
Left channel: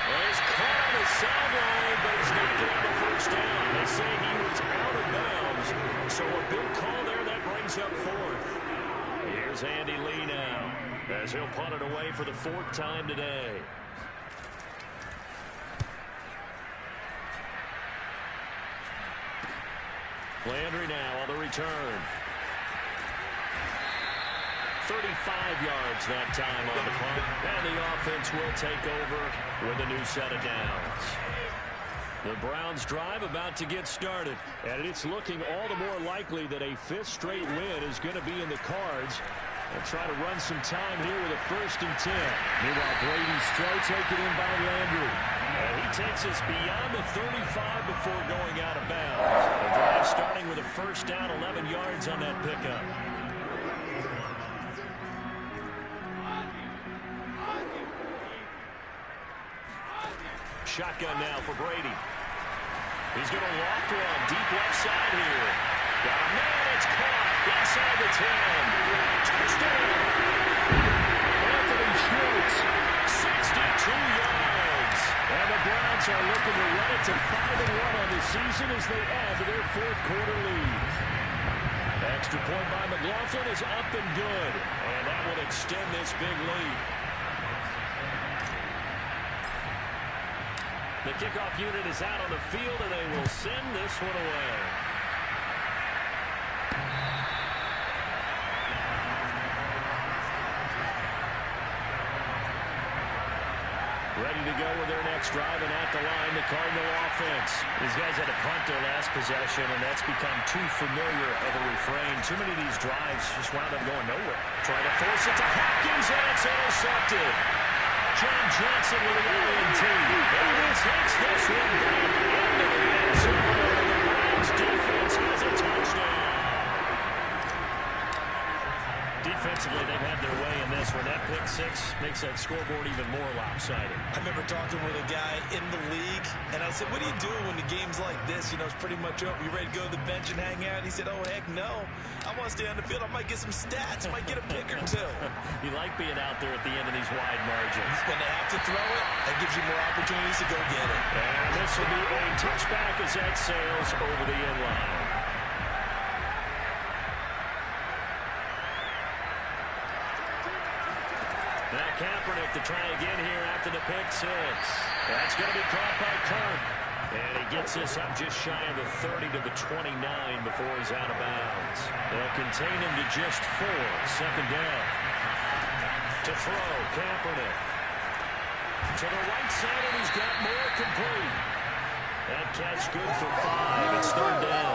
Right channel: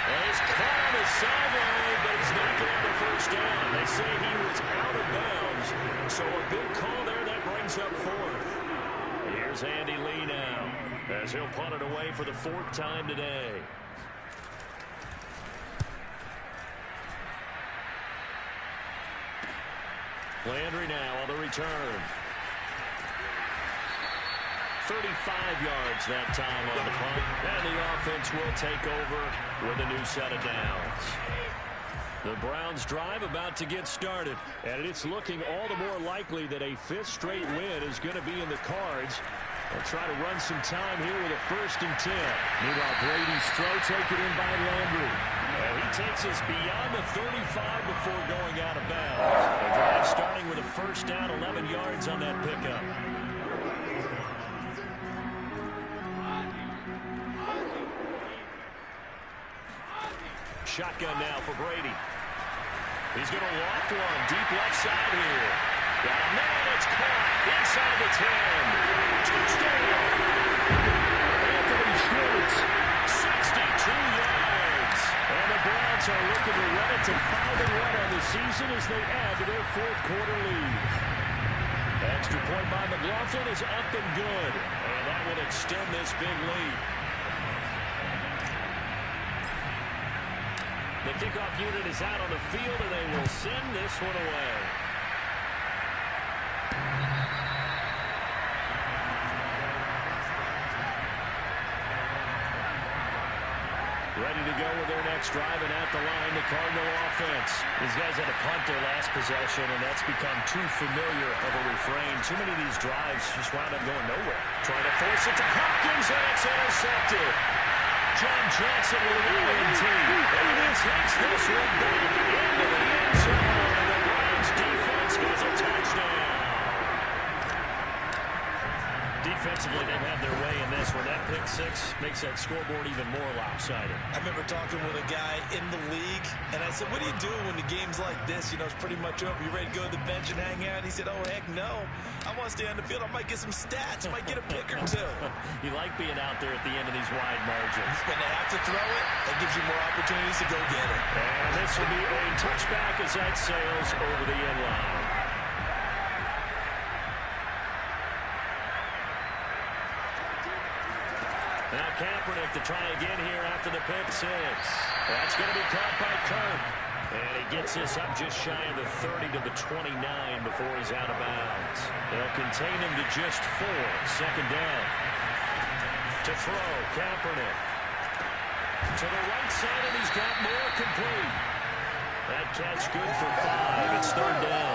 And he's caught on the sideline, but he's not going to have a first down. They say he was out of bounds. So a big call there that brings up 4th. Here's Andy Lee now as he'll punt it away for the 4th time today. Landry now on the return. 35 yards that time on the punt. And the offense will take over with a new set of downs. The Browns drive about to get started. And it's looking all the more likely that a 5th straight win is going to be in the cards. They'll try to run some time here with a 1st and 10. Meanwhile, Brady's throw taken in by Landry. And he takes us beyond the 35 before going out of bounds. The drive starting with a first down, 11 yards on that pickup. Shotgun now for Brady. He's going to loft one deep left side here. Got a man, it's caught inside the 10. Touchdown! Anthony Schwartz, 62 yards. And the Browns are looking to run it to 5-1 on the season as they add to their 4th quarter lead. Extra point by McLaughlin is up and good. And that will extend this big lead. The kickoff unit is out on the field, and they will send this one away. Ready to go with their next drive, and at the line, the Cardinal offense. These guys had to punt their last possession, and that's become too familiar of a refrain. Too many of these drives just wound up going nowhere. Trying to force it to Hopkins, and it's intercepted. John Johnson with the ONT. And he takes this one back into the end zone, and the Browns defense has a touchdown. Defensively, they've had their way in this one. That pick six makes that scoreboard even more lopsided. I remember talking with a guy in the league, and I said, what do you do when the game's like this? You know, it's pretty much over. You ready to go to the bench and hang out? He said, oh, heck no. I want to stay on the field. I might get some stats. I might get a pick or two. You like being out there at the end of these wide margins. When they have to throw it, that gives you more opportunities to go get it. And this will be a touchback as that sails over the end line. Now Kaepernick to try again here after the pick six. That's going to be caught by Kirk. And he gets this up just shy of the 30 to the 29 before he's out of bounds. They'll contain him to just 4. Second down. To throw, Kaepernick. To the right side, and he's got more complete. That catch good for 5. It's third down.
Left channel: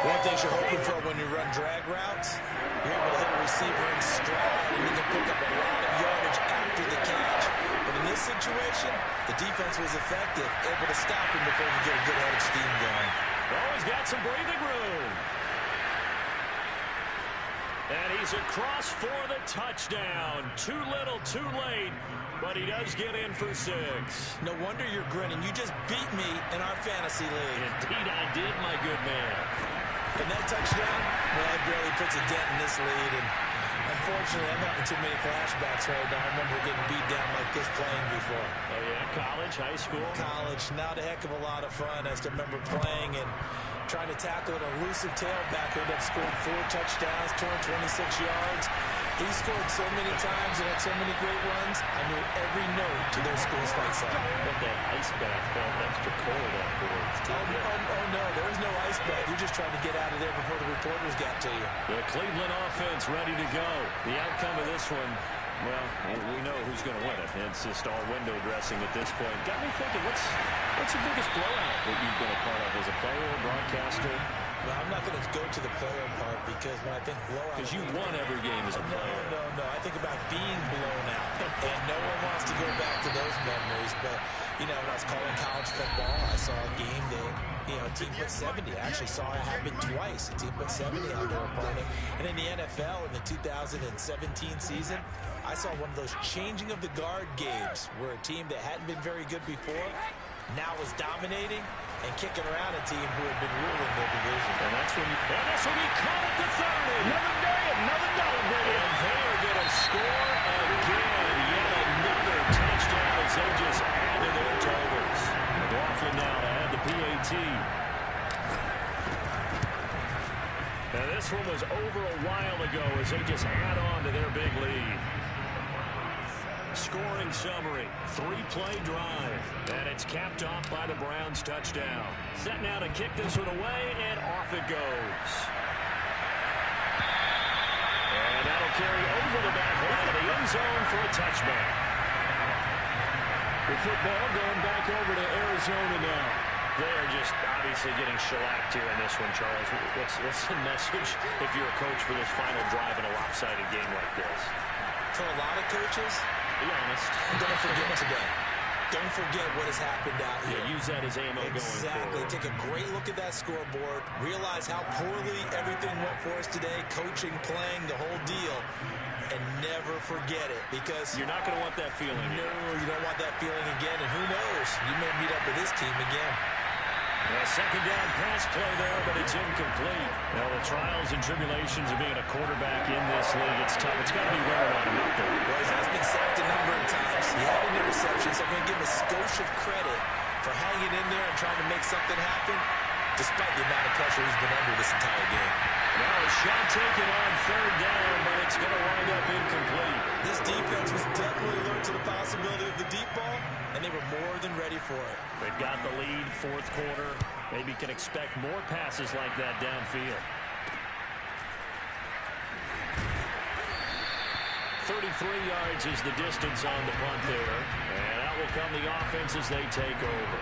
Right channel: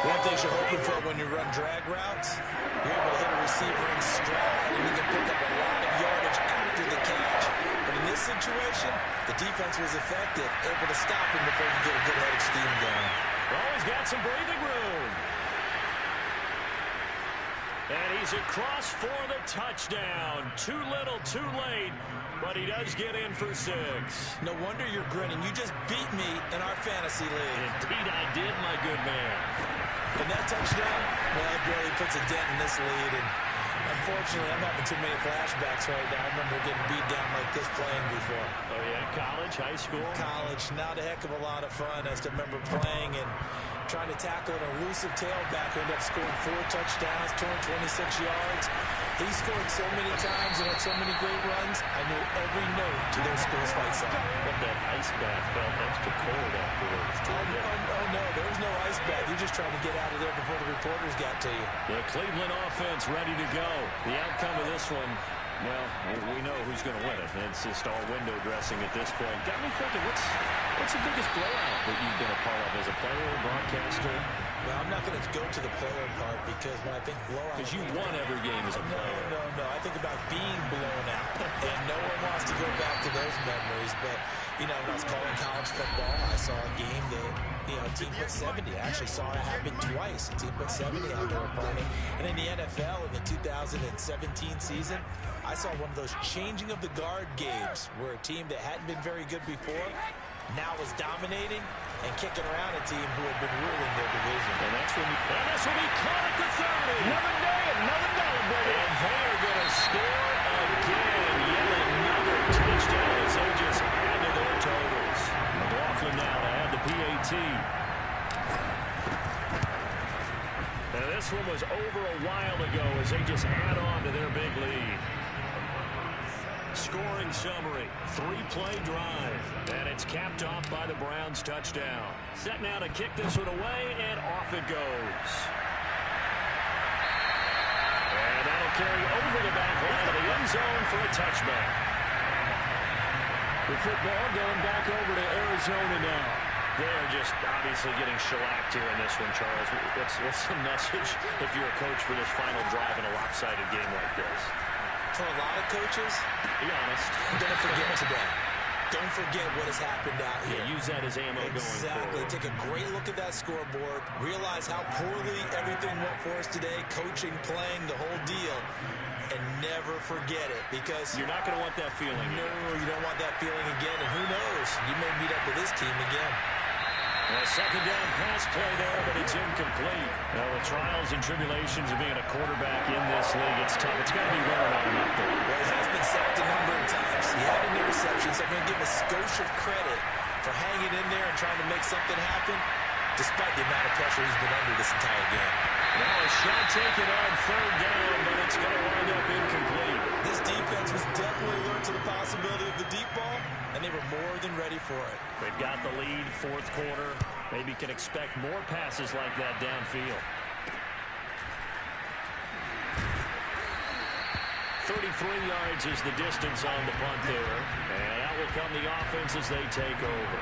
One thing you're hoping for when you run drag routes, you're able to hit a receiver in stride, and you can pick up a lot of yardage after the catch. But in this situation, the defense was effective, able to stop him before you get a good head of steam going. Oh, he's got some breathing room. And he's across for the touchdown. Too little, too late, but he does get in for 6. No wonder you're grinning. You just beat me in our fantasy league. Indeed I did, my good man. And that touchdown, well, it barely puts a dent in this lead. And unfortunately, I'm having too many flashbacks right now. I remember getting beat down like this playing before. Oh, yeah? College, high school? College. Not a heck of a lot of fun. I still remember playing and trying to tackle an elusive tailback who ended up scoring 4 touchdowns, 226 yards. He scored so many times and had so many great runs, I knew every note to their school's fight song. But that ice bath felt extra cold afterwards. Oh, no, there was no ice bath. You're just trying to get out of there before the reporters got to you. The Cleveland offense ready to go. The outcome of this one, well, we know who's going to win it. It's just all window dressing at this point. Got me thinking, what's the biggest blowout that you've been a part of as a player, broadcaster? Well, I'm not going to go to the player part because when I think blowout... Because you won every game as a player. No. I think about being blown out. And no one wants to go back to those memories. But, you know, when I was calling college football, I saw a game that, you know, a team put 70. I actually saw it happen twice. A team put 70 on their opponent. And in the NFL, in the 2017 season, I saw one of those changing of the guard games where a team that hadn't been very good before now was dominating and kicking around a team who had been ruling their division. And that's when and this will be caught at the 30. Another day, another dollar, baby. And they are going to score again. Yet another touchdown as they just add to their totals. McLaughlin now to add the PAT. Now this one was over a while ago as they just add on to their big lead. Scoring summary, 3-play drive, and it's capped off by the Browns touchdown. Set now to kick this one away, and off it goes. And that'll carry over the back line of the end zone for a touchback. The football going back over to Arizona now. They're just obviously getting shellacked here in this one, Charles. What's the message if you're a coach for this final drive in a lopsided game like this? For a lot of coaches, be honest. Don't forget today. Don't forget what has happened out here. Yeah, use that as ammo going forward. Exactly. Take a great look at that scoreboard. Realize how poorly everything went for us today. Coaching, playing, the whole deal. And never forget it because... You're not going to want that feeling. No, you don't want that feeling again. And who knows? You may meet up with this team again. A second down pass play there, but it's incomplete. Now, the trials and tribulations of being a quarterback in this league, it's tough. It's got to be wearing on him out there. Well, he has been sacked a number of times. He had an interception, so I'm going to give him a skosh of credit for hanging in there and trying to make something happen. despite the amount of pressure he's been under this entire game. Now a shot taken on third down, but it's going to wind up incomplete. This defense was definitely alert to the possibility of the deep ball, and they were more than ready for it. They've got the lead, fourth quarter. Maybe can expect more passes like that downfield. 33 yards is the distance on the punt there. And out will come the offense as they take over.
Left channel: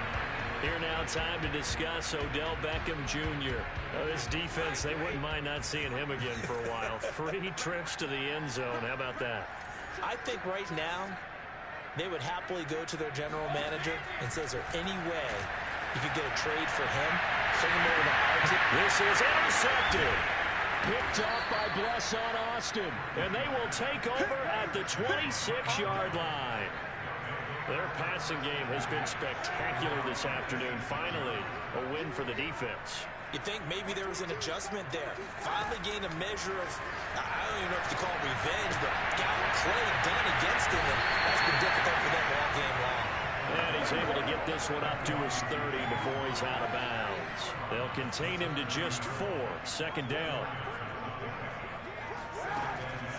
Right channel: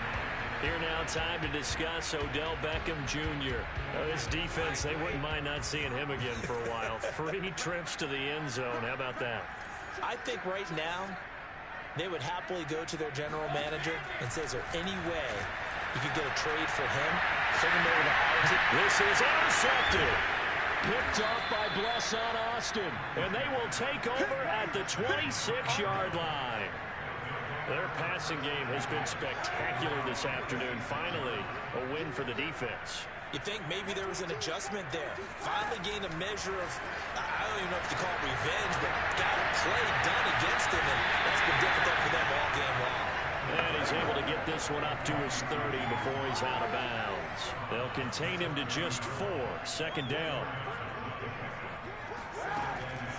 Here now, time to discuss Odell Beckham Jr. This defense, they wouldn't mind not seeing him again for a while. 3 trips to the end zone. How about that? I think right now they would happily go to their general manager and say, is there any way you could get a trade for him? Send him over to our team. This is intercepted. Picked off by Bless on Austin. And they will take over at the 26-yard line. Their passing game has been spectacular this afternoon. Finally, a win for the defense. You think maybe there was an adjustment there. Finally gained a measure of, I don't even know if you call it revenge, but got a play done against him, and that's been difficult for them all game long. And he's able to get this one up to his 30 before he's out of bounds. They'll contain him to just 4. Second down.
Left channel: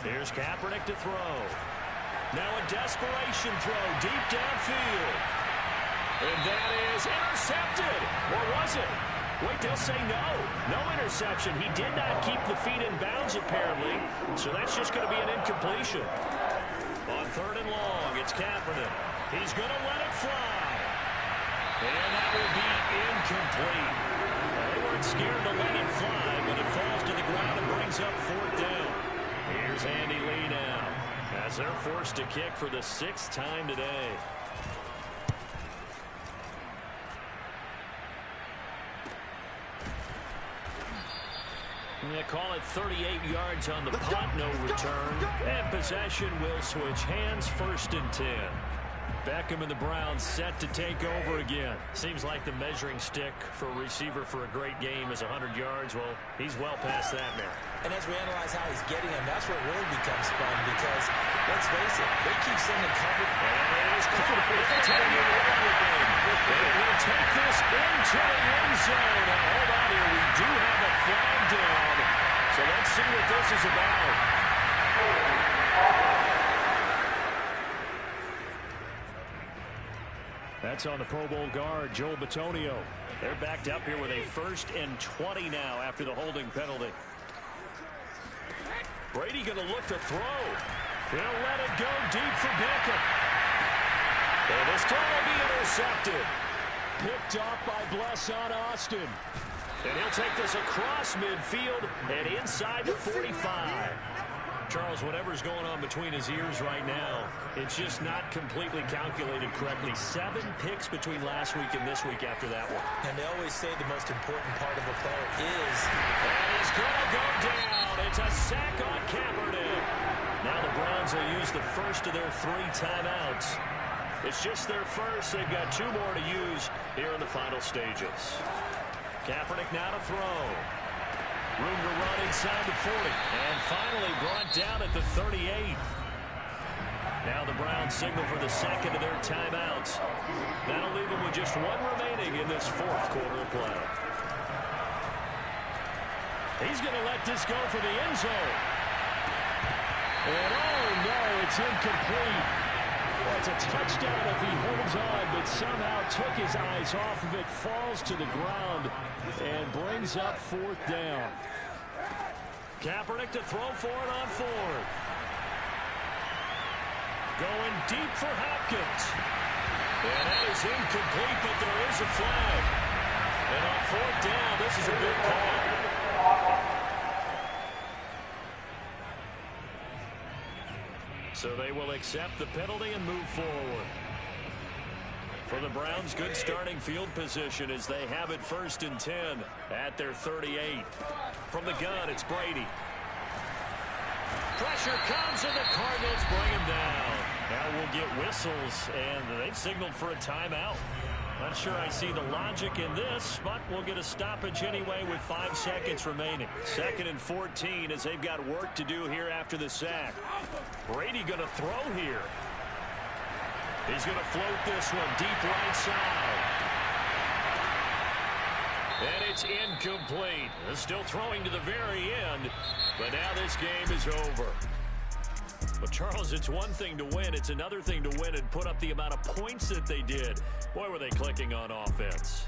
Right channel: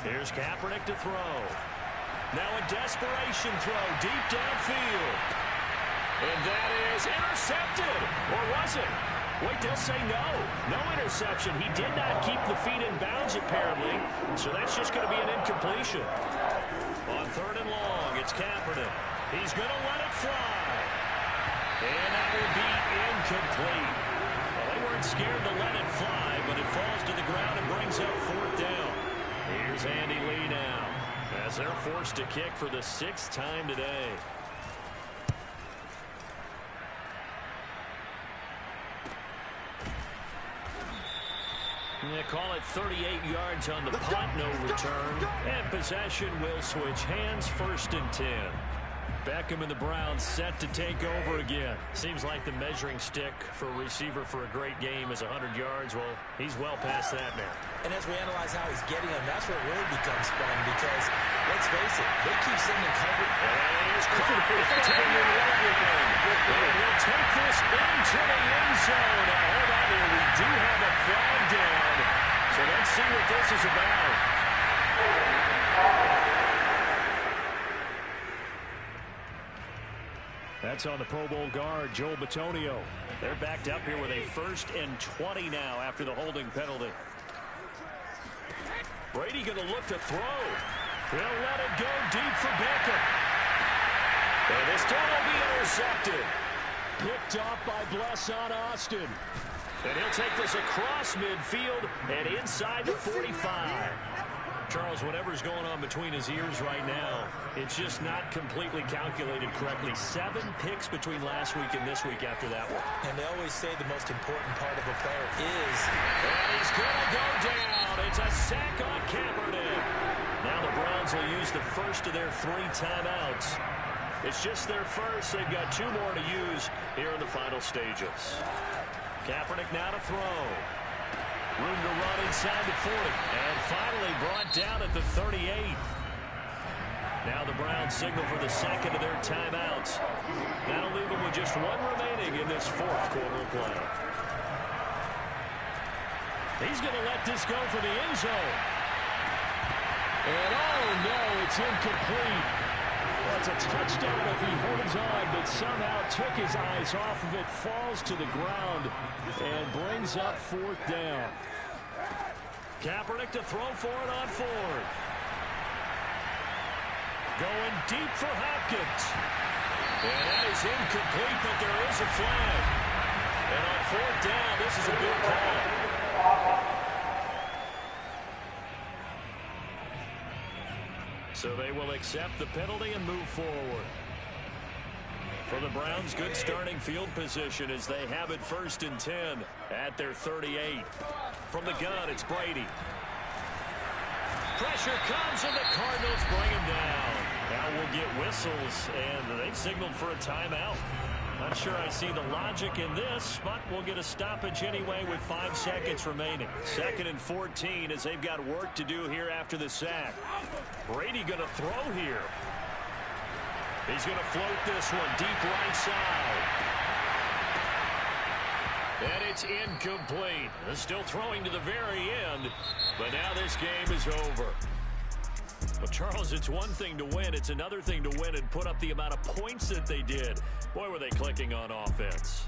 Here's Kaepernick to throw. Now a desperation throw deep downfield. And that is intercepted. Or was it? Wait, they'll say no. No interception. He did not keep the feet in bounds, apparently. So that's just going to be an incompletion. On third and long, it's Kaepernick. He's going to let it fly. And that will be incomplete. Well, they weren't scared to let it fly, but it falls to the ground and brings up fourth down. Here's Andy Lee now, as they're forced to kick for the 6th time today. They call it 38 yards on the punt, no return. And possession will switch hands, 1st and 10. Beckham and the Browns set to take over again. Seems like the measuring stick for a receiver for a great game is 100 yards. Well, he's well past that now. And as we analyze how he's getting them, that's where it really becomes fun because, let's face it, they keep sending coverage. And it is caught at the 10-yard line. And he'll take this into the end zone. Now, hold on here. We do have a flag down. So let's see what this is about. That's on the Pro Bowl guard, Joel Bitonio. They're backed up here with a 1st and 20 now after the holding penalty. Brady going to look to throw. He'll let it go deep for Beckham. And this throw will be intercepted. Picked off by Bless on Austin. And he'll take this across midfield and inside the 45. Charles, whatever's going on between his ears right now, it's just not completely calculated correctly. 7 picks between last week and this week after that one. And they always say the most important part of a player is... And he's going to go down. It's a sack on Kaepernick. Now the Browns will use the first of their 3 timeouts. It's just their first. They've got 2 more to use here in the final stages. Kaepernick now to throw. Room to run inside the 40. And finally brought down at the 38. Now the Browns signal for the 2nd of their timeouts. That'll leave them with just 1 remaining in this 4th quarter of play. He's going to let this go for the end zone. And oh no, it's incomplete. Well, it's a touchdown if he holds on, but somehow took his eyes off of it, falls to the ground, and brings up 4th down. Kaepernick to throw for it on 4th. Going deep for Hopkins. And that is incomplete, but there is a flag. And on 4th down, this is a good call. So they will accept the penalty and move forward. For the Browns, good starting field position as they have it 1st and 10 at their 38. From the gun, it's Brady. Pressure comes, and the Cardinals bring him down. Now we'll get whistles, and they've signaled for a timeout. Not sure I see the logic in this, but we'll get a stoppage anyway with 5 seconds remaining. 2nd and 14 as they've got work to do here after the sack. Brady going to throw here. He's going to float this one deep right side. And it's incomplete. Still throwing to the very end, but now this game is over. Well, Charles, it's one thing to win. It's another thing to win and put up the amount of points that they did. Boy, were they clicking on offense.